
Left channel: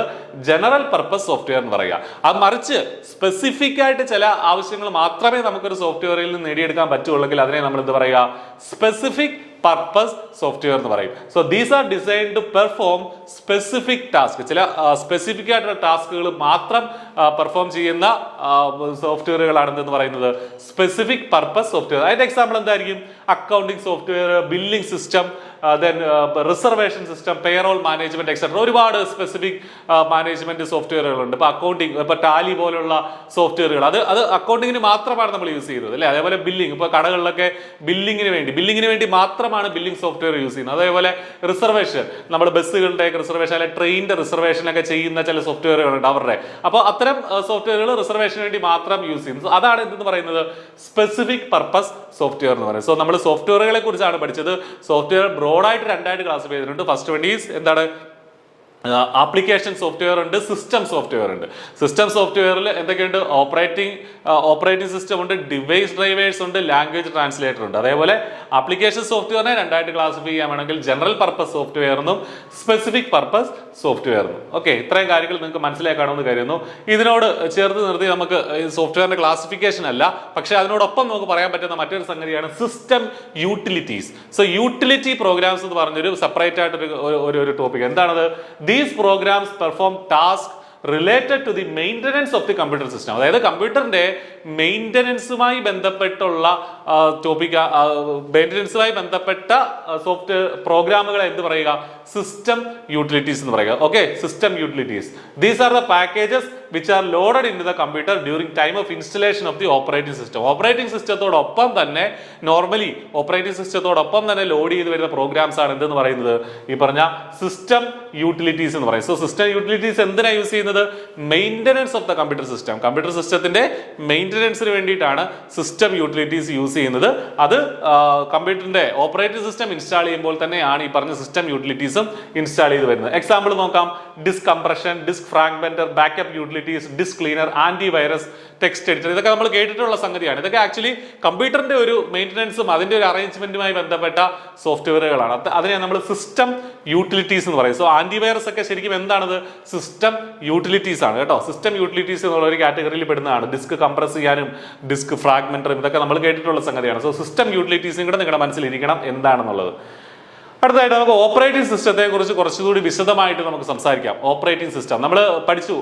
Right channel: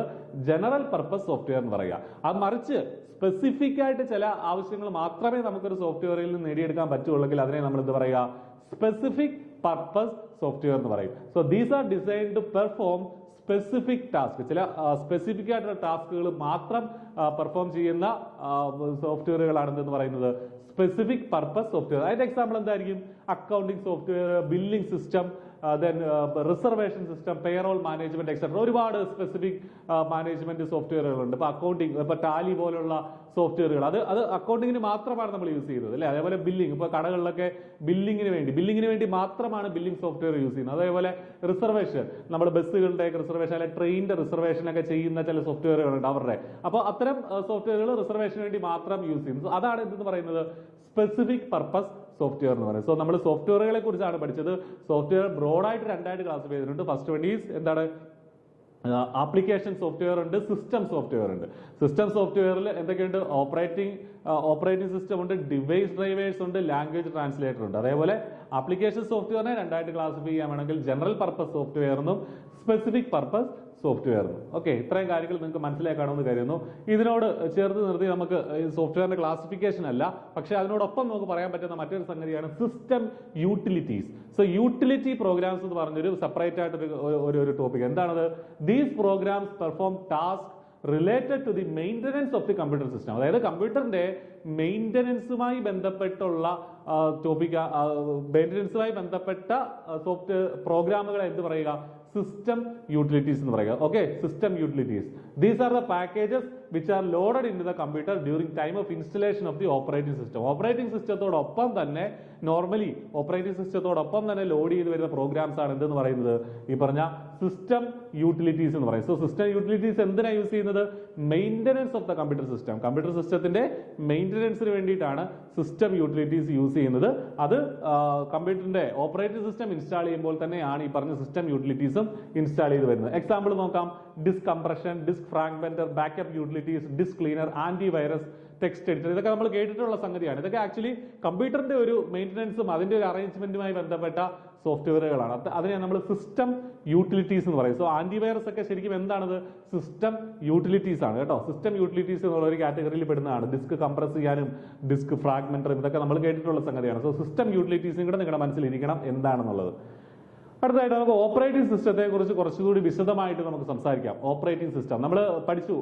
ജനറൽ പർപ്പസ് സോഫ്റ്റ്വെയർ എന്ന് പറയുക. അത് മറിച്ച് സ്പെസിഫിക് ആയിട്ട് ചില ആവശ്യങ്ങൾ മാത്രമേ നമുക്കൊരു സോഫ്റ്റ്വെയറിൽ നിന്ന് നേടിയെടുക്കാൻ പറ്റുള്ളെങ്കിൽ അതിനെ നമ്മൾ എന്ത് പറയുക, സ്പെസിഫിക് പർപ്പസ് സോഫ്റ്റ്വെയർ എന്ന് പറയും. So these are designed to perform specific task. ചില സ്പെസിഫിക് ആയിട്ടുള്ള ടാസ്കുകൾ മാത്രം പെർഫോം ചെയ്യുന്ന സോഫ്റ്റ്വെയറുകളാണ് എന്ന് പറയുന്നത് സ്പെസിഫിക് പർപ്പസ് സോഫ്റ്റ്വെയർ. അതിന്റെ എക്സാമ്പിൾ എന്തായിരിക്കും? Accounting software, billing system, then reservation system, payroll management etcetera. ഒരുപാട് സ്പെസിഫിക് മാനേജ്മെന്റ് സോഫ്റ്റ്വെയറുകളുണ്ട്. ഇപ്പൊ അക്കൗണ്ടിങ്, ഇപ്പൊ ടാലി പോലുള്ള സോഫ്റ്റ്വെയറുകൾ അത് അക്കൗണ്ടിങ്ങിന് മാത്രമാണ് നമ്മൾ യൂസ് ചെയ്യുന്നത് അല്ലേ. അതേപോലെ ബില്ലിംഗ്, ഇപ്പൊ കടകളിലൊക്കെ ബില്ലിങ്ങിന് വേണ്ടി മാത്രമാണ് ബില്ലിംഗ് സോഫ്റ്റ്വെയർ യൂസ് ചെയ്യുന്നത്. അതേപോലെ റിസർവേഷൻ, നമ്മൾ ബസ്സുകളുടെ റിസർവേഷൻ അല്ലെങ്കിൽ ട്രെയിനിന്റെ റിസർവേഷൻ ഒക്കെ ചെയ്യുന്ന ചില സോഫ്റ്റ്വെയറുകളുണ്ട് അവരുടെ. അപ്പോൾ അത്തരം സോഫ്റ്റ്വെയറുകൾ റിസർവേഷന് വേണ്ടി മാത്രം യൂസ് ചെയ്യുന്നത്. അതാണ് എന്തെന്ന് പറയുന്നത്, സ്പെസിഫിക് പർപ്പസ് സോഫ്റ്റ്വെയർ എന്ന് പറയുന്നത്. സോ നമ്മൾ സോഫ്റ്റ്വെയറുകളെ കുറിച്ചാണ് പഠിച്ചത്. സോഫ്റ്റ്വെയർ ബ്രോഡായിട്ട് രണ്ടായിട്ട് ക്ലാസിഫൈ ചെയ്തിട്ടുണ്ട്. ഫസ്റ്റ് വൺ ഈസ് എന്താണ്, ആപ്ലിക്കേഷൻ സോഫ്റ്റ്വെയർ ഉണ്ട്, സിസ്റ്റം സോഫ്റ്റ്വെയർ ഉണ്ട്. സിസ്റ്റം സോഫ്റ്റ്വെയറിൽ എന്തൊക്കെയുണ്ട്? ഓപ്പറേറ്റിംഗ് സിസ്റ്റം ഉണ്ട്, ഡിവൈസ് ഡ്രൈവേഴ്സ് ഉണ്ട്, ലാംഗ്വേജ് ട്രാൻസ്ലേറ്റർ ഉണ്ട്. അതേപോലെ ആപ്ലിക്കേഷൻ സോഫ്റ്റ്വെയറിനെ രണ്ടായിട്ട് ക്ലാസിഫൈ ചെയ്യാനാണെങ്കിൽ ജനറൽ പർപ്പസ് സോഫ്റ്റ്വെയർ എന്നും സ്പെസിഫിക് പർപ്പസ് സോഫ്റ്റ്വെയർ എന്നും. ഓക്കെ, ഇത്രയും കാര്യങ്ങൾ നിങ്ങൾക്ക് മനസ്സിലാക്കണമെന്ന് കരുതുന്നു. ഇതിനോട് ചേർത്ത് നിർത്തി നമുക്ക് സോഫ്റ്റ്വെയറിന്റെ ക്ലാസിഫിക്കേഷൻ അല്ല, പക്ഷേ അതിനോടൊപ്പം നമുക്ക് പറയാൻ പറ്റുന്ന മറ്റൊരു സംഗതിയാണ് system utilities. So utility programs എന്ന് പറഞ്ഞൊരു സെപ്പറേറ്റ് ആയിട്ട് ഒരു ടോപ്പിക്. എന്താണത്? These programs perform tasks related to the maintenance of the computer system. അതായത് കമ്പ്യൂട്ടറിന്റെ മെയിൻ്റനൻസുമായി ബന്ധപ്പെട്ടുള്ള മെയിൻ്റനൻസുമായി ബന്ധപ്പെട്ട സോഫ്റ്റ്വെയർ പ്രോഗ്രാമുകളെ എന്ത് പറയുക? സിസ്റ്റം യൂട്ടിലിറ്റീസ് എന്ന് പറയുക. Okay, system utilities. These are the packages which are loaded in to the computer during time of installation of the operating system. Operating സിസ്റ്റത്തോടൊപ്പം തന്നെ ലോഡ് ചെയ്ത് വരുന്ന പ്രോഗ്രാംസ് ആണ് എന്തെന്ന് പറയുന്നത്? ഈ പറഞ്ഞ സിസ്റ്റം യൂട്ടിലിറ്റീസ് എന്ന് പറയും. സോ സിസ്റ്റം യൂട്ടിലിറ്റീസ് എന്തിനാണ് യൂസ് ചെയ്യുന്നത്? Maintenance of the computer system. Computer സിസ്റ്റത്തിന്റെ മെയിൻ്റനൻസിന് വേണ്ടിയിട്ടാണ് സിസ്റ്റം യൂട്ടിലിറ്റീസ് യൂസ് ചെയ്യുന്നത്. അത് കമ്പ്യൂട്ടറിന്റെ ഓപ്പറേറ്റിംഗ് സിസ്റ്റം ഇൻസ്റ്റാൾ ചെയ്യുമ്പോൾ തന്നെയാണ് ഈ പറഞ്ഞ സിസ്റ്റം യൂട്ടിലിറ്റീസും ഇൻസ്റ്റാൾ ചെയ്ത് വരുന്നത്. എക്സാമ്പിൾ നോക്കാം: disk compression, disk fragmenter, backup utilities, disk cleaner, antivirus, text editor. ഇതൊക്കെ നമ്മൾ കേട്ടിട്ടുള്ള സംഗതിയാണ്. ഇതൊക്കെ ആക്ച്വലി കമ്പ്യൂട്ടറിന്റെ ഒരു മെയിൻ്റനൻസും അതിന്റെ ഒരു അറേഞ്ച്മെന്റുമായി ബന്ധപ്പെട്ട സോഫ്റ്റ്വെയറുകളാണ്. അതിനെ നമ്മൾ സിസ്റ്റം യൂട്ടിലിറ്റീസ് എന്ന് പറയും. സോ ആന്റിവൈറസ് ഒക്കെ ശരിക്കും എന്താണത്? സിസ്റ്റം യൂട്ടിലിറ്റീസ് ആണ് കേട്ടോ. സിസ്റ്റം യൂട്ടിലിറ്റീസ് എന്നുള്ള ഒരു കാറ്റഗറിയിൽ പെടുന്നതാണ്. ഡിസ്ക് കംപ്രസ് ചെയ്യാനും ഡിസ്ക് ഫ്രാഗ്മെന്ററും ഇതൊക്കെ നമ്മൾ കേട്ടിട്ടുള്ള സംഗതിയാണ്. സോ സിസ്റ്റം യൂട്ടിലിറ്റീസും കൂടെ നിങ്ങളുടെ മനസ്സിലിരിക്കണം എന്താണെന്നുള്ളത്. അടുത്തതായിട്ട് നമുക്ക് ഓപ്പറേറ്റിംഗ് സിസ്റ്റത്തെ കുറിച്ച് കുറച്ചുകൂടി വിശദമായിട്ട് നമുക്ക് സംസാരിക്കാം. ഓപ്പറേറ്റിംഗ് സിസ്റ്റം നമ്മൾ പഠിച്ചു.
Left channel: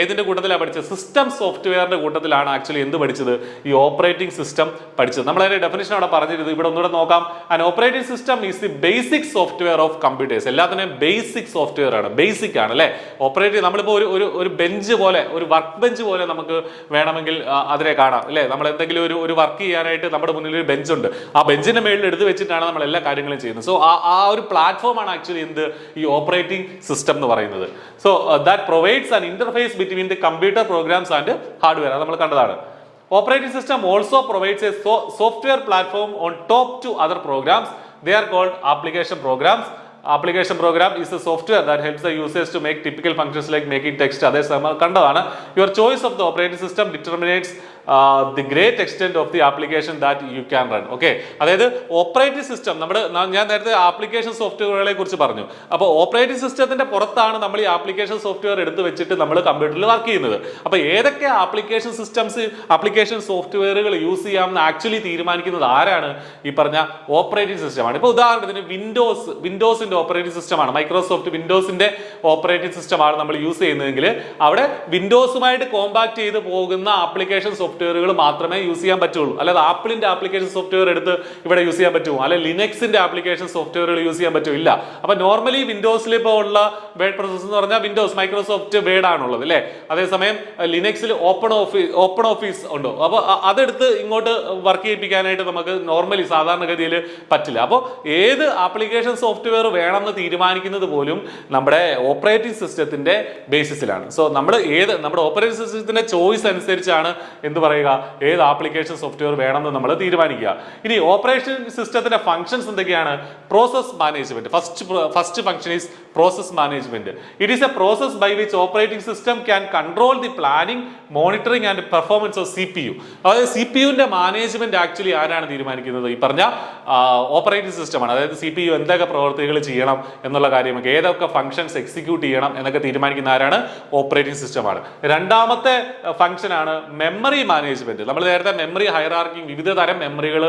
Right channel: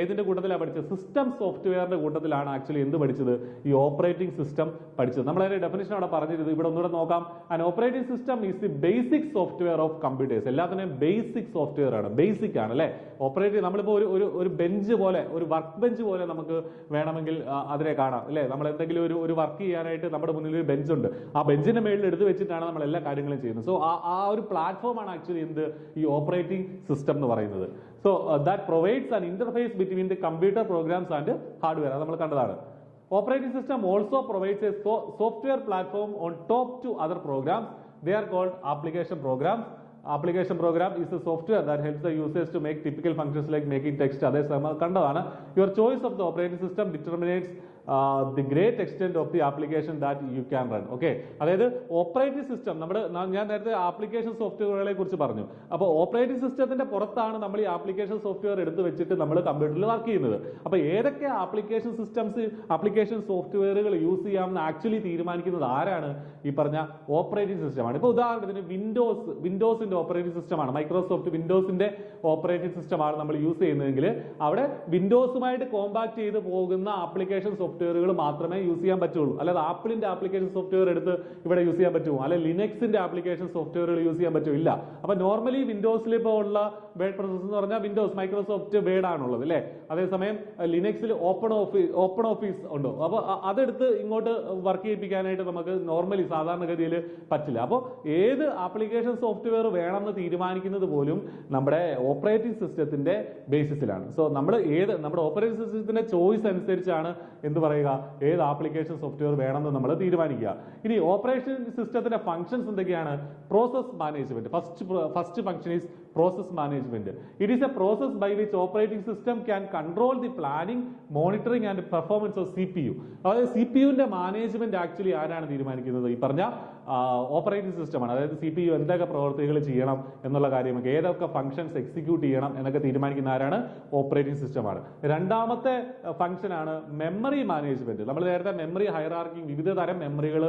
ഏതിന്റെ കൂട്ടത്തിലാണ് പഠിച്ചത്? സിസ്റ്റം സോഫ്റ്റ്വെയറിന്റെ കൂട്ടത്തിലാണ് ആക്ച്വലി എന്ത് പഠിച്ചത്? ഈ ഓപ്പറേറ്റിംഗ് സിസ്റ്റം പഠിച്ചത്. നമ്മൾ അതിന്റെ ഡെഫിനിഷൻ അവിടെ പറഞ്ഞിരുന്നത്. ഇവിടെ ഒന്നുകൂടെ നോക്കാം. An operating system is the basic software of computers. എല്ലാത്തിനും ബേസിക് സോഫ്റ്റ്വെയർ ആണ്, ബേസിക് ആണ് അല്ലെ. ഓപ്പറേറ്റിംഗ് നമ്മളിപ്പോൾ ഒരു ബെഞ്ച് പോലെ, ഒരു വർക്ക് ബെഞ്ച് പോലെ നമുക്ക് വേണമെങ്കിൽ അതിനെ കാണാം അല്ലെ. നമ്മൾ എന്തെങ്കിലും ഒരു വർക്ക് ചെയ്യാനായിട്ട് നമ്മുടെ മുന്നിൽ ഒരു ബെഞ്ച് ഉണ്ട്. ആ ബെഞ്ചിന്റെ മേളിൽ എടുത്ത് വെച്ചിട്ടാണ് നമ്മൾ എല്ലാ കാര്യങ്ങളും ചെയ്യുന്നത്. സോ ആ ഒരു പ്ലാറ്റ്ഫോം ആണ് ആക്ച്വലി എന്ത്? ഈ ഓപ്പറേറ്റിംഗ് സിസ്റ്റം എന്ന് പറയുന്നത്. So that provides an interface between the computer programs and hardware. അത് നമ്മൾ കണ്ടതാണ്. Operating system also provides a software platform on top to other programs. They are called application programs. Application program is a software that helps the users to make typical functions like making text. Others കണ്ടതാണ്. Your choice of the operating system determines the great extent of the application that you can run. Okay, അതായത് ഓപ്പറേറ്റിംഗ് സിസ്റ്റം ഞാൻ നേരത്തെ ആപ്ലിക്കേഷൻ സോഫ്റ്റ്വെയറുകളെ കുറിച്ച് പറഞ്ഞു. അപ്പോൾ ഓപ്പറേറ്റിംഗ് സിസ്റ്റത്തിന്റെ പുറത്താണ് നമ്മൾ ഈ ആപ്ലിക്കേഷൻ സോഫ്റ്റ്വെയർ എടുത്ത് വെച്ചിട്ട് നമ്മൾ കമ്പ്യൂട്ടറിൽ വർക്ക് ചെയ്യുന്നത്. അപ്പോൾ ഏതൊക്കെ ആപ്ലിക്കേഷൻ സോഫ്റ്റ്വെയറുകൾ യൂസ് ചെയ്യാമെന്ന് ആക്ച്വലി തീരുമാനിക്കുന്നത് ആരാണ്? ഈ പറഞ്ഞ ഓപ്പറേറ്റിംഗ് സിസ്റ്റമാണ്. ഇപ്പോൾ ഉദാഹരണത്തിന് വിൻഡോസിന്റെ ഓപ്പറേറ്റിംഗ് സിസ്റ്റമാണ്, മൈക്രോസോഫ്റ്റ് വിൻഡോസിന്റെ ഓപ്പറേറ്റിംഗ് സിസ്റ്റമാണ് നമ്മൾ യൂസ് ചെയ്യുന്നതെങ്കിൽ അവിടെ വിൻഡോസുമായിട്ട് കോമ്പാക്ട് ചെയ്ത് പോകുന്ന ആപ്ലിക്കേഷൻ സോഫ്റ്റ്വെയറുകൾ മാത്രമേ യൂസ് ചെയ്യാൻ പറ്റുള്ളൂ. അല്ലാതെ ആപ്പിളിന്റെ ആപ്ലിക്കേഷൻ സോഫ്റ്റ്വെയർ എടുത്ത് ഇവിടെ യൂസ് ചെയ്യാൻ പറ്റുമോ, അല്ലെ ലിനക്സിന്റെ ആപ്ലിക്കേഷൻ സോഫ്റ്റ്വെയറുകൾ യൂസ് ചെയ്യാൻ പറ്റില്ല. അപ്പൊ നോർമലി വിൻഡോസിൽ ഇപ്പോൾ ഉള്ള വേർഡ് പ്രോസസ്സർ എന്ന് പറഞ്ഞാൽ വിൻഡോസ് മൈക്രോസോഫ്റ്റ് വേർഡ് ആണുള്ളത് അല്ലേ. അതേസമയം ലിനക്സിൽ ഓപ്പൺ ഓഫീസ് ഉണ്ടോ, അപ്പോൾ അതെടുത്ത് ഇങ്ങോട്ട് വർക്ക് ചെയ്യിപ്പിക്കാനായിട്ട് നമുക്ക് നോർമലി സാധാരണഗതിയിൽ പറ്റില്ല. അപ്പോൾ ഏത് ആപ്ലിക്കേഷൻ സോഫ്റ്റ്വെയർ വേണമെന്ന് തീരുമാനിക്കുന്നത് പോലും നമ്മുടെ ഓപ്പറേറ്റിംഗ് സിസ്റ്റത്തിന്റെ ബേസിസിലാണ്. സോ നമ്മുടെ ഓപ്പറേറ്റിംഗ് സിസ്റ്റത്തിന്റെ ചോയ്സ് അനുസരിച്ചാണ് എന്ത് പറയുക, ഏത് ആപ്ലിക്കേഷൻ സോഫ്റ്റ്വെയർ വേണമെന്ന് നമ്മൾ തീരുമാനിക്കുക. ഇനി ഓപ്പറേഷൻ സിസ്റ്റത്തിന്റെ ഫംഗ്ഷൻസ് എന്തൊക്കെയാണ്? Process management. First function is process management. It is a process by which operating system can control the planning, monitoring and performance of CPU. അതായത് CPU-ന്റെ മാനേജ്മെന്റ് ആക്ച്വലി ആരാണ് തീരുമാനിക്കുന്നത്? ഈ പറഞ്ഞ ഓപ്പറേറ്റിംഗ് സിസ്റ്റമാണ്. അതായത് CPU എന്തൊക്കെ പ്രവർത്തികൾ ചെയ്യണം എന്നുള്ള കാര്യമൊക്കെ, ഏതൊക്കെ ഫംഗ്ഷൻസ് എക്സിക്യൂട്ട് ചെയ്യണം എന്നൊക്കെ തീരുമാനിക്കുന്ന ആരാണ്? ഓപ്പറേറ്റിംഗ് സിസ്റ്റമാണ്. രണ്ടാമത്തെ ഫംഗ്ഷൻ ആണ് മെമ്മറി മാനേജ്മെന്റ്. നമ്മൾ നേരത്തെ മെമ്മറി ഹൈറാർക്കി, വിവിധ തരം മെമ്മറികൾ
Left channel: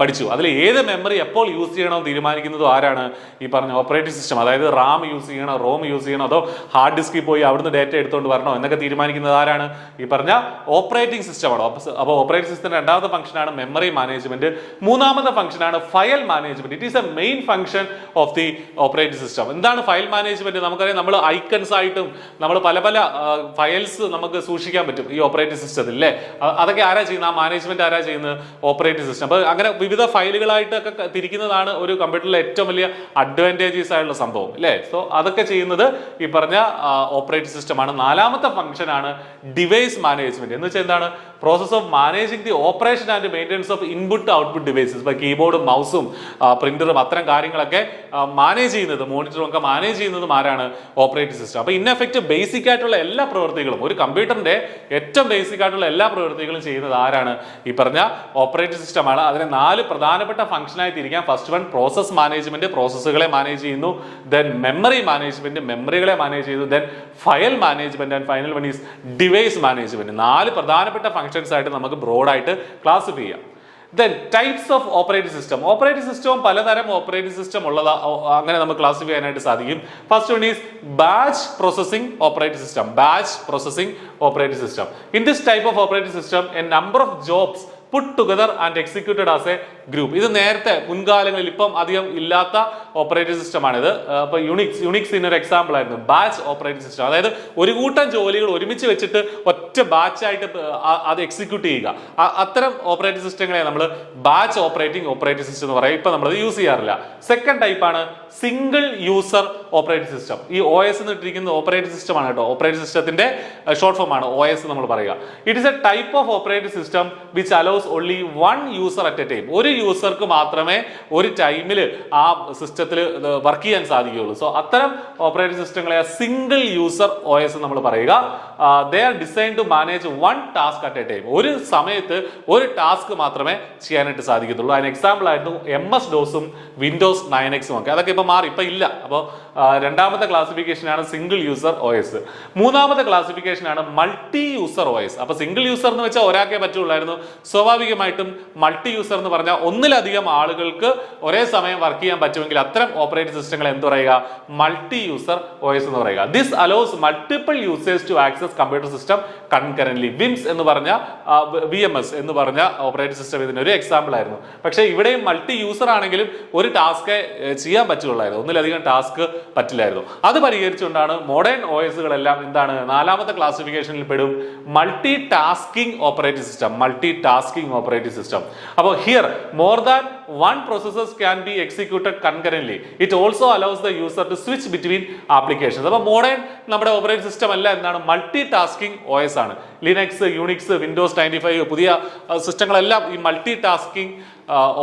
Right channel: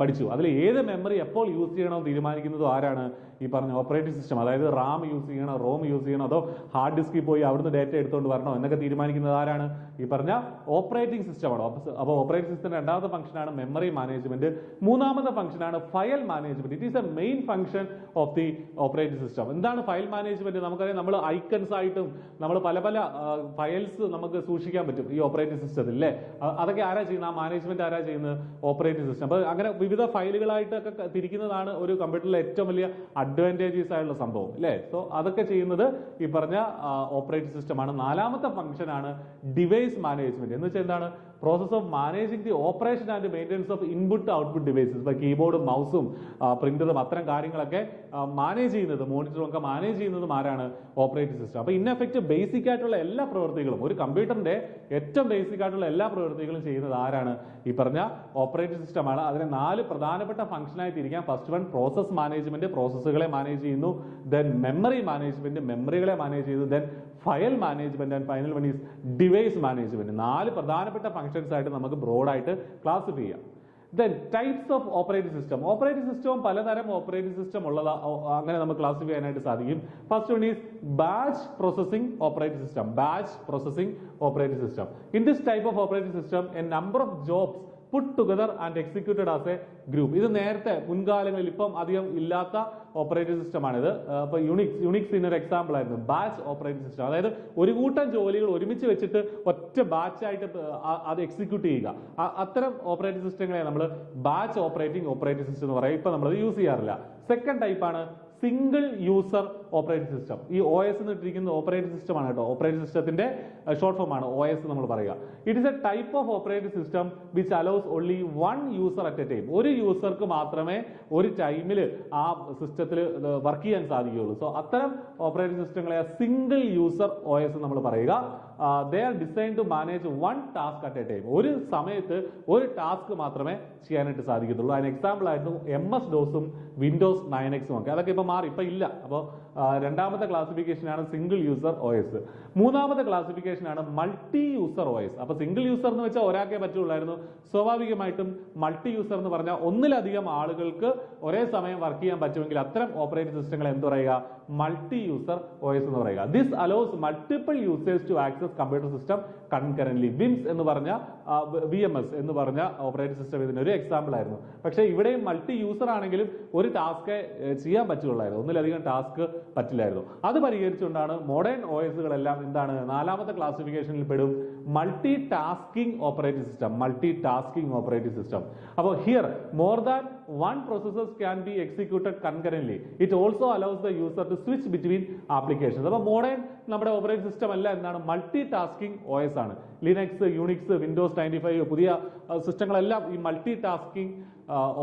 പഠിച്ചു. അതിൽ ഏത് മെമ്മറി എപ്പോൾ യൂസ് ചെയ്യണമെന്ന് തീരുമാനിക്കുന്നതും ആരാണ്? ഈ പറഞ്ഞ ഓപ്പറേറ്റിംഗ് സിസ്റ്റം. അതായത് റാം യൂസ് ചെയ്യണോ, റോം യൂസ് ചെയ്യണോ, അതോ ഹാർഡ് ഡിസ്കിൽ പോയി അവിടുന്ന് ഡേറ്റ എടുത്തുകൊണ്ട് വരണോ എന്നൊക്കെ തീരുമാനിക്കുന്നത് ആരാണ്? ഈ പറഞ്ഞ ഓപ്പറേറ്റിംഗ് സിസ്റ്റമാണ്. അപ്പോൾ ഓപ്പറേറ്റിംഗ് സിസ്റ്റത്തിന്റെ രണ്ടാമത്തെ ഫംഗ്ഷനാണ് മെമ്മറി മാനേജ്മെന്റ്. മൂന്നാമത്തെ ഫംഗ്ഷനാണ് file management. It is A main function of the operating system. എന്താണ് ഫയൽ മാനേജ്മെന്റ്? നമുക്കറിയാം, നമ്മൾ ഐക്കൺസ് ആയിട്ടും നമ്മൾ പല ഫയൽസ് നമുക്ക് സൂക്ഷിക്കാൻ പറ്റും ഈ ഓപ്പറേറ്റിംഗ് സിസ്റ്റത്തിൽ അല്ലേ. അതൊക്കെ ആരാ ചെയ്യുന്നത്? ആ മാനേജ്മെന്റ് ആരാ ചെയ്യുന്നത്? Operating system. അപ്പോൾ അങ്ങനെ വിവിധ ഫയലുകളായിട്ടൊക്കെ തിരിക്കുന്നതാണ് ഒരു കമ്പ്യൂട്ടറിലെ ഏറ്റവും വലിയ അഡ്വാൻറ്റേജസ് ആയിട്ടുള്ള സംഭവം അല്ലേ. സോ അതൊക്കെ ചെയ്യുന്നത് ഈ പറഞ്ഞ ഓപ്പറേറ്റിംഗ് സിസ്റ്റമാണ്. നാലാമത്തെ ഫംഗ്ഷൻ ആണ് ഡിവൈസ് മാനേജ്മെന്റ്. എന്ന് വെച്ചാൽ എന്താണ്? Process of managing the operation and maintenance of input output devices. ഇപ്പോൾ കീബോർഡും മൗസും പ്രിന്ററും അത്തരം കാര്യങ്ങളൊക്കെ മാനേജ് ചെയ്യുന്നത്, മോണിറ്ററും ഒക്കെ മാനേജ് ചെയ്യുന്നതും ആരാണ്? Operating system. അപ്പോൾ ഇൻ എഫക്റ്റ് ബേസിക് ആയിട്ടുള്ള എല്ലാ പ്രവൃത്തികളും, ഒരു കമ്പ്യൂട്ടറിന്റെ ഏറ്റവും ബേസിക് ആയിട്ടുള്ള എല്ലാ പ്രവൃത്തികളും ചെയ്യുന്നത് ആരാണ്? ഈ പറഞ്ഞ ഓപ്പറേറ്റിംഗ് സിസ്റ്റമാണ്. അതിനെ 4 പ്രധാനപ്പെട്ട ഫംഗ്ഷനായി തിരിക്കാം. ഫസ്റ്റ് വൺ പ്രോസസ് മാനേജ്മെന്റ്, പ്രോസസ്സുകളെ മാനേജ് ചെയ്യുന്നു. ദെൻ മെമ്മറി മാനേജ്മെന്റ്, മെമ്മറികളെ മാനേജ് ചെയ്യുന്നു. Then file management and final one is device management. 4 പ്രധാനപ്പെട്ട ഫംഗ്ഷൻസ് ആയിട്ട് നമുക്ക് ബ്രോഡായിട്ട് ക്ലാസിഫൈ ചെയ്യാം. Then types of operating system. Operating system പലതരം ഓപ്പറേറ്റിംഗ് സിസ്റ്റം ഉള്ളതാ, അങ്ങനെ നമുക്ക് ക്ലാസിഫൈ ചെയ്യാനായിട്ട് സാധിക്കും. First one is batch processing operating system. Batch processing operating system. In this type of operating system a number of jobs put together and executed as a group. ഇത് നേരത്തെ മുൻകാലങ്ങളിൽ, ഇപ്പം അധികം ഇല്ലാത്ത ഓപ്പറേറ്റിംഗ് സിസ്റ്റമാണിത്. അപ്പോൾ യുണിക്സിന് ഒരു എക്സാമ്പിൾ ആയിരുന്നു ബാച്ച് ഓപ്പറേറ്റിംഗ് സിസ്റ്റം. അതായത് ഒരു കൂട്ടം ജോലികൾ ഒരുമിച്ച് വെച്ചിട്ട് ഒറ്റ ബാച്ചായിട്ട് അത് എക്സിക്യൂട്ട് ചെയ്യുക. അത്തരം ഓപ്പറേറ്റിംഗ് സിസ്റ്റങ്ങളെ നമ്മൾ ബാച്ച് ഓപ്പറേറ്റിംഗ് സിസ്റ്റം എന്ന് പറയും. ഇപ്പം നമ്മളത് യൂസ് ചെയ്യാറില്ല. സെക്കൻഡ് ടൈപ്പാണ് സിംഗിൾ യൂസർ ഓപ്പറേറ്റിംഗ് സിസ്റ്റം. ഈ OS എന്ന് ഇട്ടിരിക്കുന്ന ഓപ്പറേറ്റിംഗ് സിസ്റ്റമാണ് കേട്ടോ. ഓപ്പറേറ്റിംഗ് സിസ്റ്റത്തിന്റെ ഷോർട്ട് ഫോം ആണ് OS നമ്മൾ പറയുക. It is A type of operating system which allows only one user at a time. ഒരു യൂസർക്ക് മാത്രമേ ഒരു ടൈമിൽ ആ സിസ്റ്റത്തിൽ വർക്ക് ചെയ്യാൻ സാധിക്കുകയുള്ളൂ. സോ അത്തരം ഓപ്പറേറ്റിംഗ് സിസ്റ്റങ്ങളെ സിംഗിൾ യൂസർ OS നമ്മൾ പറയുക. They are design to manage one task at a time. ഒരു സമയത്ത് ഒരു ടാസ്ക് മാത്രമേ ചെയ്യാനായിട്ട് സാധിക്കത്തുള്ളൂ. അതിന് എക്സാമ്പിൾ ആയിരുന്നു MS-DOSും Windows 9Xും ഒക്കെ. അതൊക്കെ ഇപ്പൊ മാറി, ഇപ്പൊ ഇല്ല. അപ്പോൾ രണ്ടാമത്തെ ക്ലാസിഫിക്കേഷൻ ആണ് സിംഗിൾ യൂസർ OS. മൂന്നാമത്തെ ക്ലാസിഫിക്കേഷൻ ആണ് മൾട്ടി യൂസർ OS. അപ്പൊ സിംഗിൾ യൂസർ എന്ന് വെച്ചാൽ ഒരാൾക്കേ പറ്റുള്ളായിരുന്നു. സ്വാഭാവികമായിട്ടും മൾട്ടി യൂസർ എന്ന് പറഞ്ഞാൽ ഒന്നിലധികം ആളുകൾക്ക് ഒരേ സമയം വർക്ക് ചെയ്യാൻ പറ്റുമെങ്കിൽ അത്തരം ഓപ്പറേറ്റിംഗ് സിസ്റ്റങ്ങൾ എന്ത് പറയുക? മൾട്ടി യൂസർ OS എന്ന് പറയുക. This allows multiple users to access computer system concurrently. VMS എന്ന് പറഞ്ഞ VMS എന്ന് പറഞ്ഞ ഓപ്പറേറ്റിംഗ് സിസ്റ്റം ഇതിനൊരു എക്സാമ്പിൾ ആയിരുന്നു. പക്ഷേ ഇവിടെയും മൾട്ടി യൂസർ ആണെങ്കിലും ഒരു ടാസ്ക് ചെയ്യാൻ പറ്റുള്ളായിരുന്നു, ഒന്നിലധികം ടാസ്ക് പറ്റില്ലായിരുന്നു. അത് പരിഹരിച്ചുകൊണ്ടാണ് മോഡേൺ OSകളെല്ലാം എന്താണ് നാലാമത്തെ ക്ലാസിഫിക്കേഷനിൽ പെടും, multi tasking operating system. Multi tasking operating system. അപ്പോൾ here more than one processes can be executed concurrently. It also allows the user to switch between applications. അപ്പോൾ മോഡേൺ നമ്മുടെ ഓപ്പറേറ്റിംഗ് സിസ്റ്റം എല്ലാം എന്താണ്? മൾട്ടി ടാസ്കിംഗ് OS ആണ്. ലിനക്സ്, യുണിക്സ്, Windows 95 പുതിയ സിസ്റ്റങ്ങളെല്ലാം ഈ മൾട്ടി ടാസ്കിംഗ്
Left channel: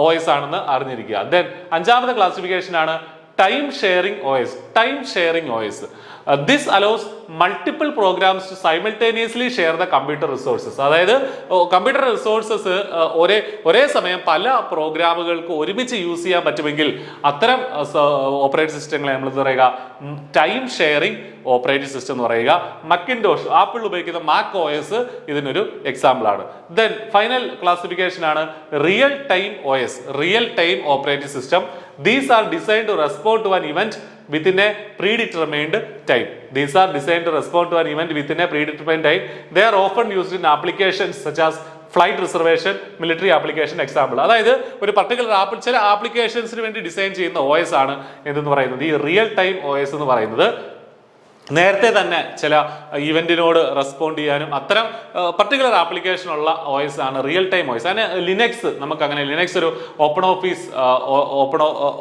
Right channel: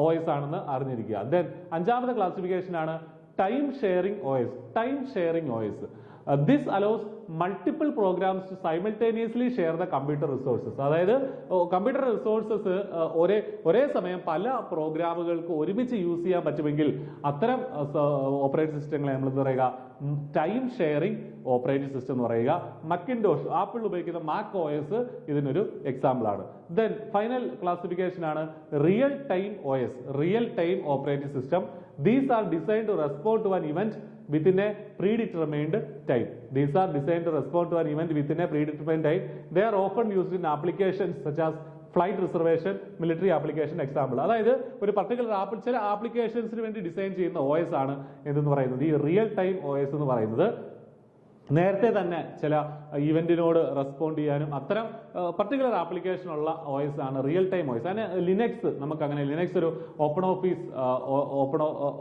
OS ആണെന്ന് അറിഞ്ഞിരിക്കുക. ദെൻ അഞ്ചാമത്തെ ക്ലാസിഫിക്കേഷൻ ആണ് time sharing OS. Time sharing OS. This allows multiple programs to simultaneously share the computer resources. അതായത് കമ്പ്യൂട്ടർ റിസോഴ്സസ് ഒരേ സമയം പല പ്രോഗ്രാമുകൾക്ക് ഒരുമിച്ച് യൂസ് ചെയ്യാൻ പറ്റുമെങ്കിൽ അത്തരം ഓപ്പറേറ്റിംഗ് സിസ്റ്റങ്ങളെ നമ്മൾ എന്താ പറയുക? ടൈം ഷെയറിംഗ് ഓപ്പറേറ്റിംഗ് സിസ്റ്റം എന്ന് പറയുക. മക്കിൻടോഷ്, ആപ്പിൾ ഉപയോഗിക്കുന്ന മാക് OS ഇതിനൊരു എക്സാമ്പിൾ ആണ്. ദെൻ ഫൈനൽ ക്ലാസിഫിക്കേഷൻ ആണ് real time OS. Real time operating system. These are designed to respond to an event within a predetermined time. These are designed to respond to an event within a predetermined time. They are often used in applications such as flight reservation, military application example. അതായത് ഒരു പർട്ടിക്കുലർ ചില ആപ്ലിക്കേഷൻസിന് വേണ്ടി ഡിസൈൻ ചെയ്യുന്ന OS ആണ് എന്തെന്ന് പറയുന്നത് ഈ റിയൽ ടൈം OS എന്ന് പറയുന്നത്. നേരത്തെ തന്നെ ചില ഇവന്റിനോട് റെസ്പോണ്ട് ചെയ്യാനും അത്തരം പർട്ടിക്കുലർ ആപ്ലിക്കേഷൻ ഉള്ള OS ആണ് റിയൽ ടൈം OS. അതിന് ലിനക്സ് നമുക്കങ്ങനെ ലിനക്സ് ഒരു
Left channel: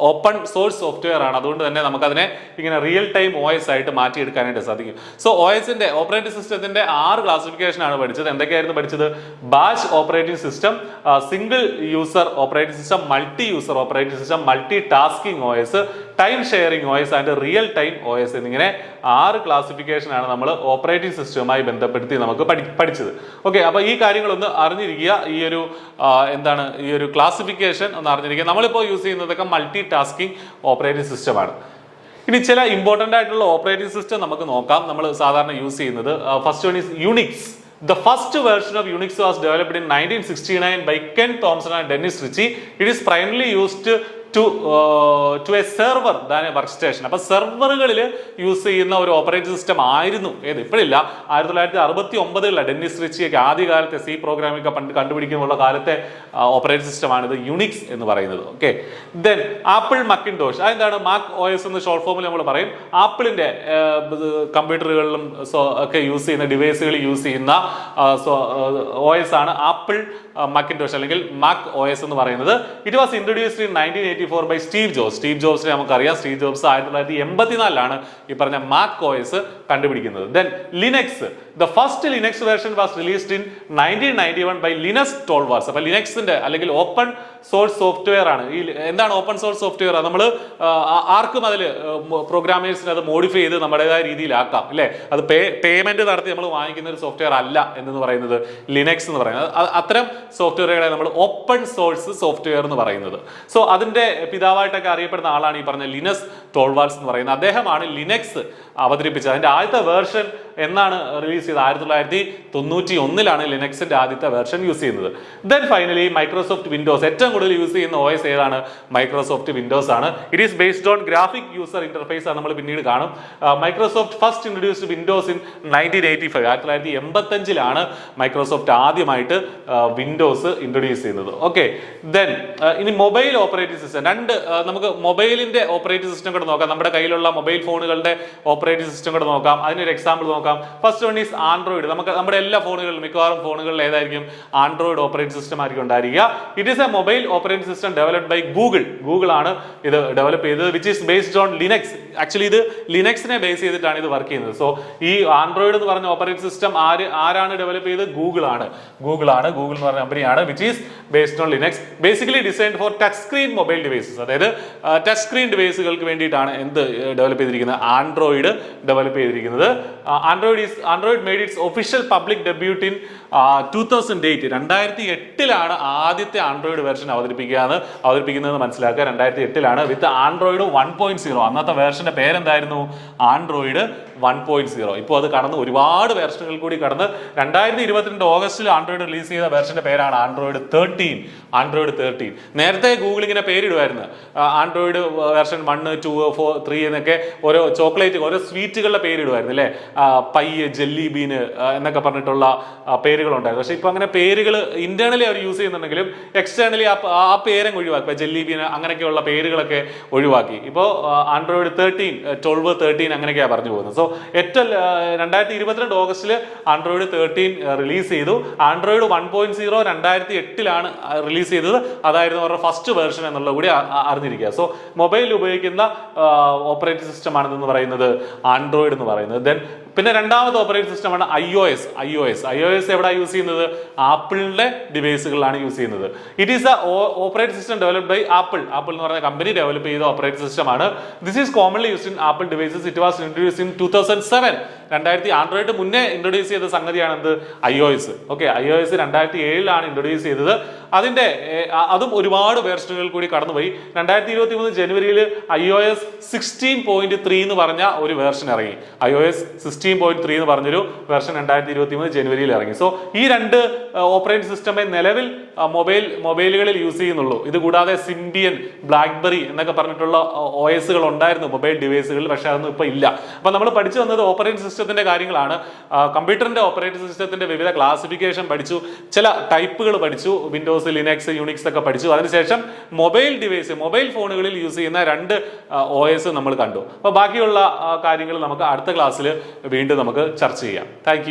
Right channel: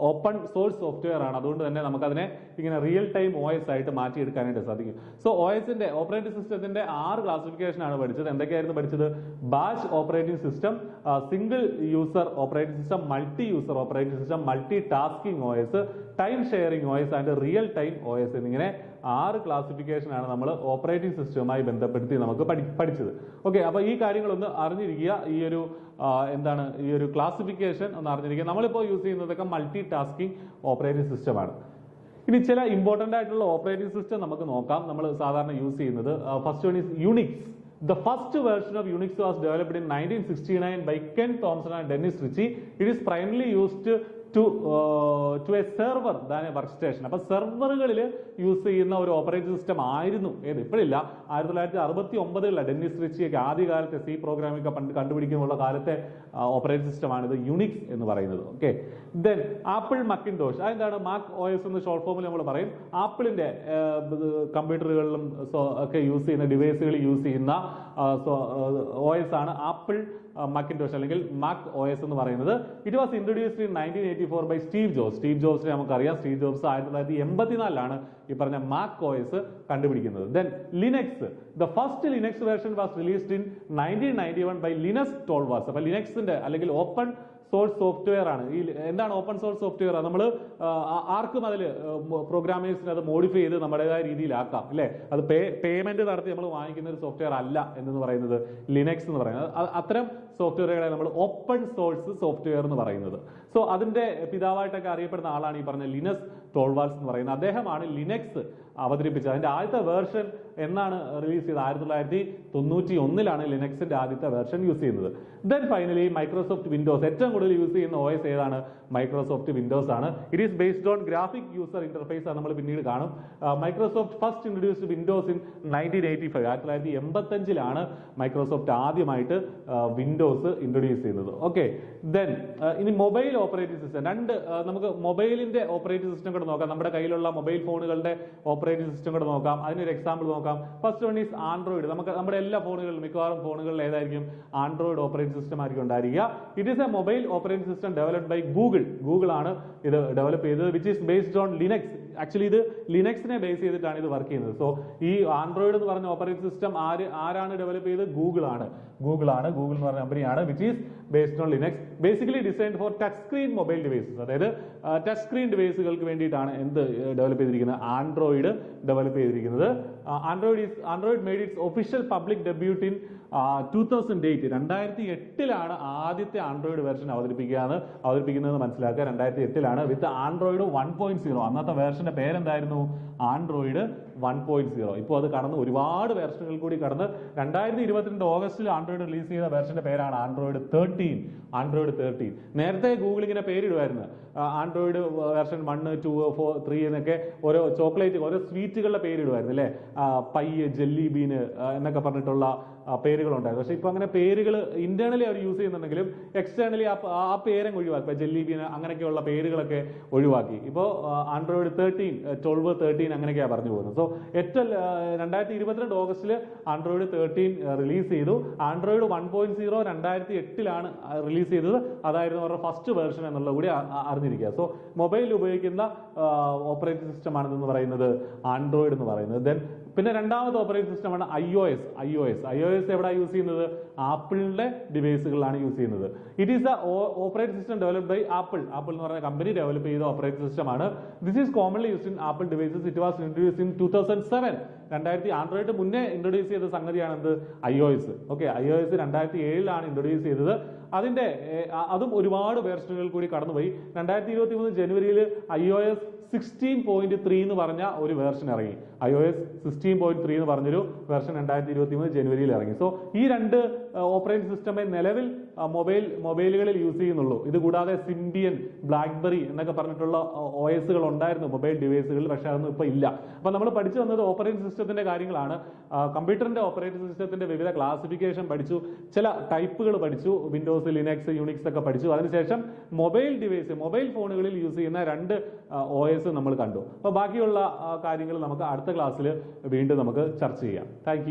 ഓപ്പൺ സോഴ്സ് സോഫ്റ്റ്വെയർ ആണ്. അതുകൊണ്ട് തന്നെ നമുക്കതിനെ ഇങ്ങനെ റിയൽ ടൈം OS ആയിട്ട് മാറ്റിയെടുക്കാനായിട്ട് സാധിക്കും. സോ OSന്റെ ഓപ്പറേറ്റിംഗ് സിസ്റ്റത്തിന്റെ 6 ക്ലാസിഫിക്കേഷൻ ആണ് പഠിച്ചത്. എന്തൊക്കെയായിരുന്നു പഠിച്ചത്? Batch operating system, single user operating system, multi user operating system, multi tasking OS, time sharing OS and real time OS എന്നിങ്ങനെ 6 ക്ലാസിഫിക്കേഷൻ ആണ് നമ്മൾ ഓപ്പറേറ്റിംഗ് സിസ്റ്റവുമായി ബന്ധപ്പെടുത്തി നമുക്ക് പഠിച്ചത്. ഓക്കെ, അപ്പൊ ഈ കാര്യങ്ങളൊന്ന് അറിഞ്ഞിരിക്കുക. ഈ ഒരു ക്ലാസിഫിക്കേഷൻ ഒന്ന് അറിഞ്ഞിരിക്കുക. നമ്മളിപ്പോൾ യൂസ് ചെയ്യുന്നതൊക്കെ മൾട്ടി ടാസ്കിംഗ് ഓപ്പറേറ്റിംഗ് സിസ്റ്റമാണ്. ഇനി ചില ഇമ്പോർട്ടൻ്റ് ആയിട്ടുള്ള ഓപ്പറേറ്റിംഗ് സിസ്റ്റം നമുക്ക് നോക്കാം. നമ്മൾ സാധാരണ യൂസ് ചെയ്യുന്നത് first one is Unix. The first version of Unix was developed in 1969 by Ken Thompson and Dennis Ritchie. It is primarily used to a server than a workstation. അപ്പോൾ സെർവറുകളിൽ യൂസ് ചെയ്യുന്ന ഒരു ഓപ്പറേറ്റിംഗ് സിസ്റ്റം ആയിരുന്നു ഇപ്പോഴില്ല, 1969 ഡെന്നിസ് റിച്ചിയൊക്കെ ആദ്യകാലത്തെ C പ്രോഗ്രാമിംഗ് ഒക്കെ കണ്ടുപിടിക്കുന്നുള്ള കാലത്തെ ഓപ്പറേറ്റിംഗ് സിസ്റ്റമാണിത് യുണിക്സ് എന്ന് പറയുന്നത്. Okay, then Apple Macintosh. അതെന്താണ്? മാക് OS എന്ന് ഷോർട്ട് ഫോമിൽ നമ്മൾ പറയും. ആപ്പിളിന്റെ കമ്പ്യൂട്ടറുകളിലും ഒക്കെ യൂസ് ചെയ്യുന്ന ഡിവൈസുകളിൽ യൂസ് ചെയ്യുന്ന OS ആണ് ആപ്പിൾ മക്കിൻടോഷ് അല്ലെങ്കിൽ മാക് OS എന്ന് പറയുന്നത്. It was introduced in 1984 by Steve Jobs. Steve ജോബ്സിനെ നമുക്കറിയാം. സ്റ്റീവ് ജോബ്സ് 1984 ഈ പറഞ്ഞ മാക് OS കണ്ടുപിടിക്കുന്നത്. Then Linux. The first Linux version was released in 1991 by Linus Torvalds. അപ്പൊ ലിനക്സിന്റെ അല്ലെങ്കിൽ ഓപ്പൺ സോഴ്സ് സോഫ്റ്റ്വെയർ ആണ്. എന്താണ് ഓപ്പൺ സോഴ്സ് സോഫ്റ്റ്വെയർ? നമ്മൾ ആർക്കും അതിൽ പ്രോഗ്രാമേഴ്സിന് അത് മോഡിഫൈ ചെയ്ത് നമ്മുടേതായ രീതിയിലാക്കാം അല്ലേ. അത് പേയ്മെന്റ് നടത്തി നമ്മൾ വാങ്ങിക്കുന്ന ഒരു സോഫ്റ്റ്വെയർ അല്ല എന്ന് പറയുന്നത് ലിനക്സ് എന്ന് പറയുന്നത്. അത്തരം സോഫ്റ്റ്വെയറുകളെ നമ്മൾ ഓപ്പൺ സോഴ്സ് സോഫ്റ്റ്വെയർ എന്ന് പറയുന്നത്. സോ അതിന്റെ പിതാവായിട്ടൊക്കെ അറിയപ്പെടുന്ന ആളാണ് ഈ പറഞ്ഞ ലിനസ് ടോൾവാൾസ് എന്ന് പറയുന്നത്. അദ്ദേഹമാണ് ലിനക്സ് അവതരിപ്പിച്ചത്. അതിന്റെ ആദ്യത്തെ വേർഷൻ എന്നാണ് റിലീസ് ചെയ്തത്? 1991 ലിനക്സിന്റെ ആദ്യത്തെ വേർഷൻ യൂസ് ചെയ്യുന്നത്. Then finally Microsoft Windows. ഏറ്റവും കൂടുതൽ യൂസ് ചെയ്യുന്ന OS ഏതാണ്? മൈക്രോസോഫ്റ്റ് വിൻഡോസ് ആണ്. It is based on graphic user interface ആണ്. നമ്മൾ പിന്നീട് കാണും. Microsoft first introduced Windows in 1985. 1985 Microsoft ആദ്യമായിട്ട് വിൻഡോസ് ഇൻട്രൊഡ്യൂസ് ചെയ്യുന്നത്. ഓക്കെ, ദെൻ ഇനി മൊബൈൽ ഓപ്പറേറ്റിംഗ് സിസ്റ്റം. നമുക്ക് മൊബൈലിന്റെ ഓപ്പറേറ്റിംഗ് സിസ്റ്റം കൂടെ നോക്കാം. നമ്മുടെ കയ്യിലുള്ള മൊബൈൽ ഫോണുകളുടെ ഓപ്പറേറ്റിംഗ് സിസ്റ്റം കൂടെ നോക്കാം. അതിനൊരു എക്സാമ്പിൾ നോക്കാം. First one is Android. നമ്മുടെ എല്ലാ ഫോണുകളിലും മിക്കവാറും ഫോണുകളിൽ ഏതായിരിക്കും? ആൻഡ്രോയിഡ് ഓപ്പറേറ്റിംഗ് സിസ്റ്റം ആയിരിക്കും ഉണ്ടായിരിക്കുക. It is a mobile operating system developed by Google ആണ് ഇത് ഡെവലപ്പ് ചെയ്തത്. Which is based on Linux. Actually ഇത് ലിനക്സിനെ ബേസ് ചെയ്തിട്ടാണ് ഇത് വർക്ക് ചെയ്യുന്നത്. സോ ഈ ആൻഡ്രോയിഡ് എന്ന് പറഞ്ഞ ഓപ്പറേറ്റിംഗ് സിസ്റ്റം ആരാണ് ഡെവലപ്പ് ചെയ്തത്? ഗൂഗിൾ എന്ന് പറഞ്ഞ കമ്പനിയാണ്. Which is based on Linux. Basically designed for touch screen mobile devices. അതായത് ടച്ച് സ്ക്രീൻ ഡിവൈസുകൾക്ക് വേണ്ടിയിട്ടാണ് ഡെവലപ്പ് ചെയ്തിരിക്കുന്നത്? ആൻഡ്രോയിഡ് ഡെവലപ്പ് ചെയ്തിരിക്കുന്നത്. Android made it's official public debut in 2008. 2008 ആദ്യത്തെ ആൻഡ്രോയിഡ് വെർഷൻ അവതരിപ്പിക്കുന്നത് മനസ്സിലാക്കുക. 2008 വിത്ത് ആൻഡ്രോയിഡ് 1.0. അന്നത്തെ വേർഷന്റെ പേരെന്തായിരുന്നു? ആൻഡ്രോയിഡ് 1.0. ഇപ്പോൾ അത് കടന്ന് ഒരുപാട് വേർഷനുകൾ കൂടി കടന്ന് 2022 ഓഗസ്റ്റിൽ ആൻഡ്രോയിഡ് റിലീസ് ചെയ്ത വേർഷന്റെ പേരാണ് ആൻഡ്രോയിഡ് 13. നേരത്തെ ഗൂഗിൾ ഇങ്ങനെ പേരിടുമായിരുന്നു. ആൻഡ്രോയിഡ് വേർഷൻ 1, 2, 4, 3 എന്നൊക്കെ ഓരോ ചോക്ലേറ്റ്, ഓരോ സ്വീറ്റുകളുടെ പേരിടുമായിരുന്നു അല്ലേ. പൈ, ജെല്ലി ബീന് എന്നൊക്കെ പറഞ്ഞിട്ടുള്ള പേരുകളുണ്ടായിരുന്നു. പക്ഷെ ഇപ്പൊ അങ്ങനെ പേരുകൾ ഇന്റേണലി അവർ യൂസ് ചെയ്യുന്നുണ്ടെങ്കിലും എക്സ്റ്റേണലി ആ പേരങ്ങ് ഒഴിവാക്കി. ജെല്ലി ബീൻ അങ്ങനെയൊക്കെയുള്ള പേരുകളൊക്കെ ഒഴിവാക്കി. ഇപ്പോൾ ആൻഡ്രോയിഡ് 12, 13 അങ്ങനെയൊക്കെയാണ് പറഞ്ഞു പോകുന്നത്. സോ ഏറ്റവും 2022 ഓഗസ്റ്റിൽ ആൻഡ്രോയിഡ് 13 റിലീസ് ചെയ്തു. ആൻഡ്രോയിഡ് 1.0 2008 റിലീസ് ചെയ്തത്. അതായിരുന്നു അവരുടെ ഫസ്റ്റ് വേർഷൻ എന്നുള്ളത് കൂടി അറിഞ്ഞിരിക്കുക. സോ മൊബൈലിൽ ഉപയോഗിക്കുന്ന ഓപ്പറേറ്റിംഗ് സിസ്റ്റം ആണെന്ന് പറയുന്നത് ആൻഡ്രോയിഡ് എന്ന് പറയുന്നത്. ദെൻ പിന്നെ രണ്ടാമത്തെ ഓപ്പറേറ്റിംഗ് സിസ്റ്റമാണ് iOS. എവിടെ യൂസ് ചെയ്യുന്നത്? ആപ്പിളിന്റെ ഡിവൈസുകളിലാണ് യൂസ് ചെയ്യുന്നത്. It is a operating system developed by Apple എന്ന് പറയുന്ന കമ്പനി ഡെവലപ്പ് ചെയ്ത ഓപ്പറേറ്റിംഗ് സിസ്റ്റം ആണ്. This is commonly used in Apple devices. It was introduced in 2007. Android മുന്നേ ഇൻട്രൊഡ്യൂസ് ചെയ്ത സംഗതിയാണ് iOS. ഓക്കെ, iOS 2007 ഇൻട്രൊഡ്യൂസ് ചെയ്തത്. അതും ഒരുപാട് വേർഷനുകൾ കൂടി കടന്നുപോയി. 2023 ജനുവരിയിൽ iOS 16.3 എന്ന് പറഞ്ഞ ഒരു വേർഷൻ ഇറങ്ങി. iOS 16.3 എന്ന് പറഞ്ഞൊരു വേർഷൻ 2023 ജനുവരിയിൽ ഇറങ്ങി. സോ ഈ രണ്ട് ഓപ്പറേറ്റിംഗ് സിസ്റ്റമേ നിലവിൽ മൊബൈലുകളിൽ യൂസ് ചെയ്യുന്നുള്ളൂ. ഇത് കൂടാതെ സിംബിയൻ, ബ്ലാക്ക്ബെറി എന്നൊക്കെ പറഞ്ഞിട്ടുള്ള OSകൾ ഉണ്ടായിരുന്നു മൊബൈൽ ഡിവൈസുകളിൽ, പക്ഷെ അതൊന്നും ഇപ്പൊ ഇല്ല. അപ്പൊ നമ്മൾ പഠിച്ചു വന്നത് ഓപ്പറേറ്റിംഗ് സിസ്റ്റത്തിന്റെ കാര്യങ്ങളാണ്. കമ്പ്യൂട്ടറിന്റെ ഓപ്പറേറ്റിംഗ് സിസ്റ്റത്തിന്റെ വിവിധ ക്ലാസിഫിക്കേഷൻ പഠിച്ചു, ചില ടൈപ്പുകൾ പഠിച്ചു, വിൻഡോസ്, ലിനക്സ്, യൂണിക്സ് ഒക്കെ പഠിച്ചു. അതിനുശേഷം മൊബൈൽ ഫോണുകളിൽ യൂസ് ചെയ്യുന്ന രണ്ട് OS നമ്മൾ കണ്ടു. അപ്പൊ ബാക്കിയുള്ള കാര്യങ്ങൾ നമുക്ക് അടുത്ത ക്ലാസ്സിൽ വീണ്ടും നമുക്ക് ചർച്ച ചെയ്യാം. താങ്ക്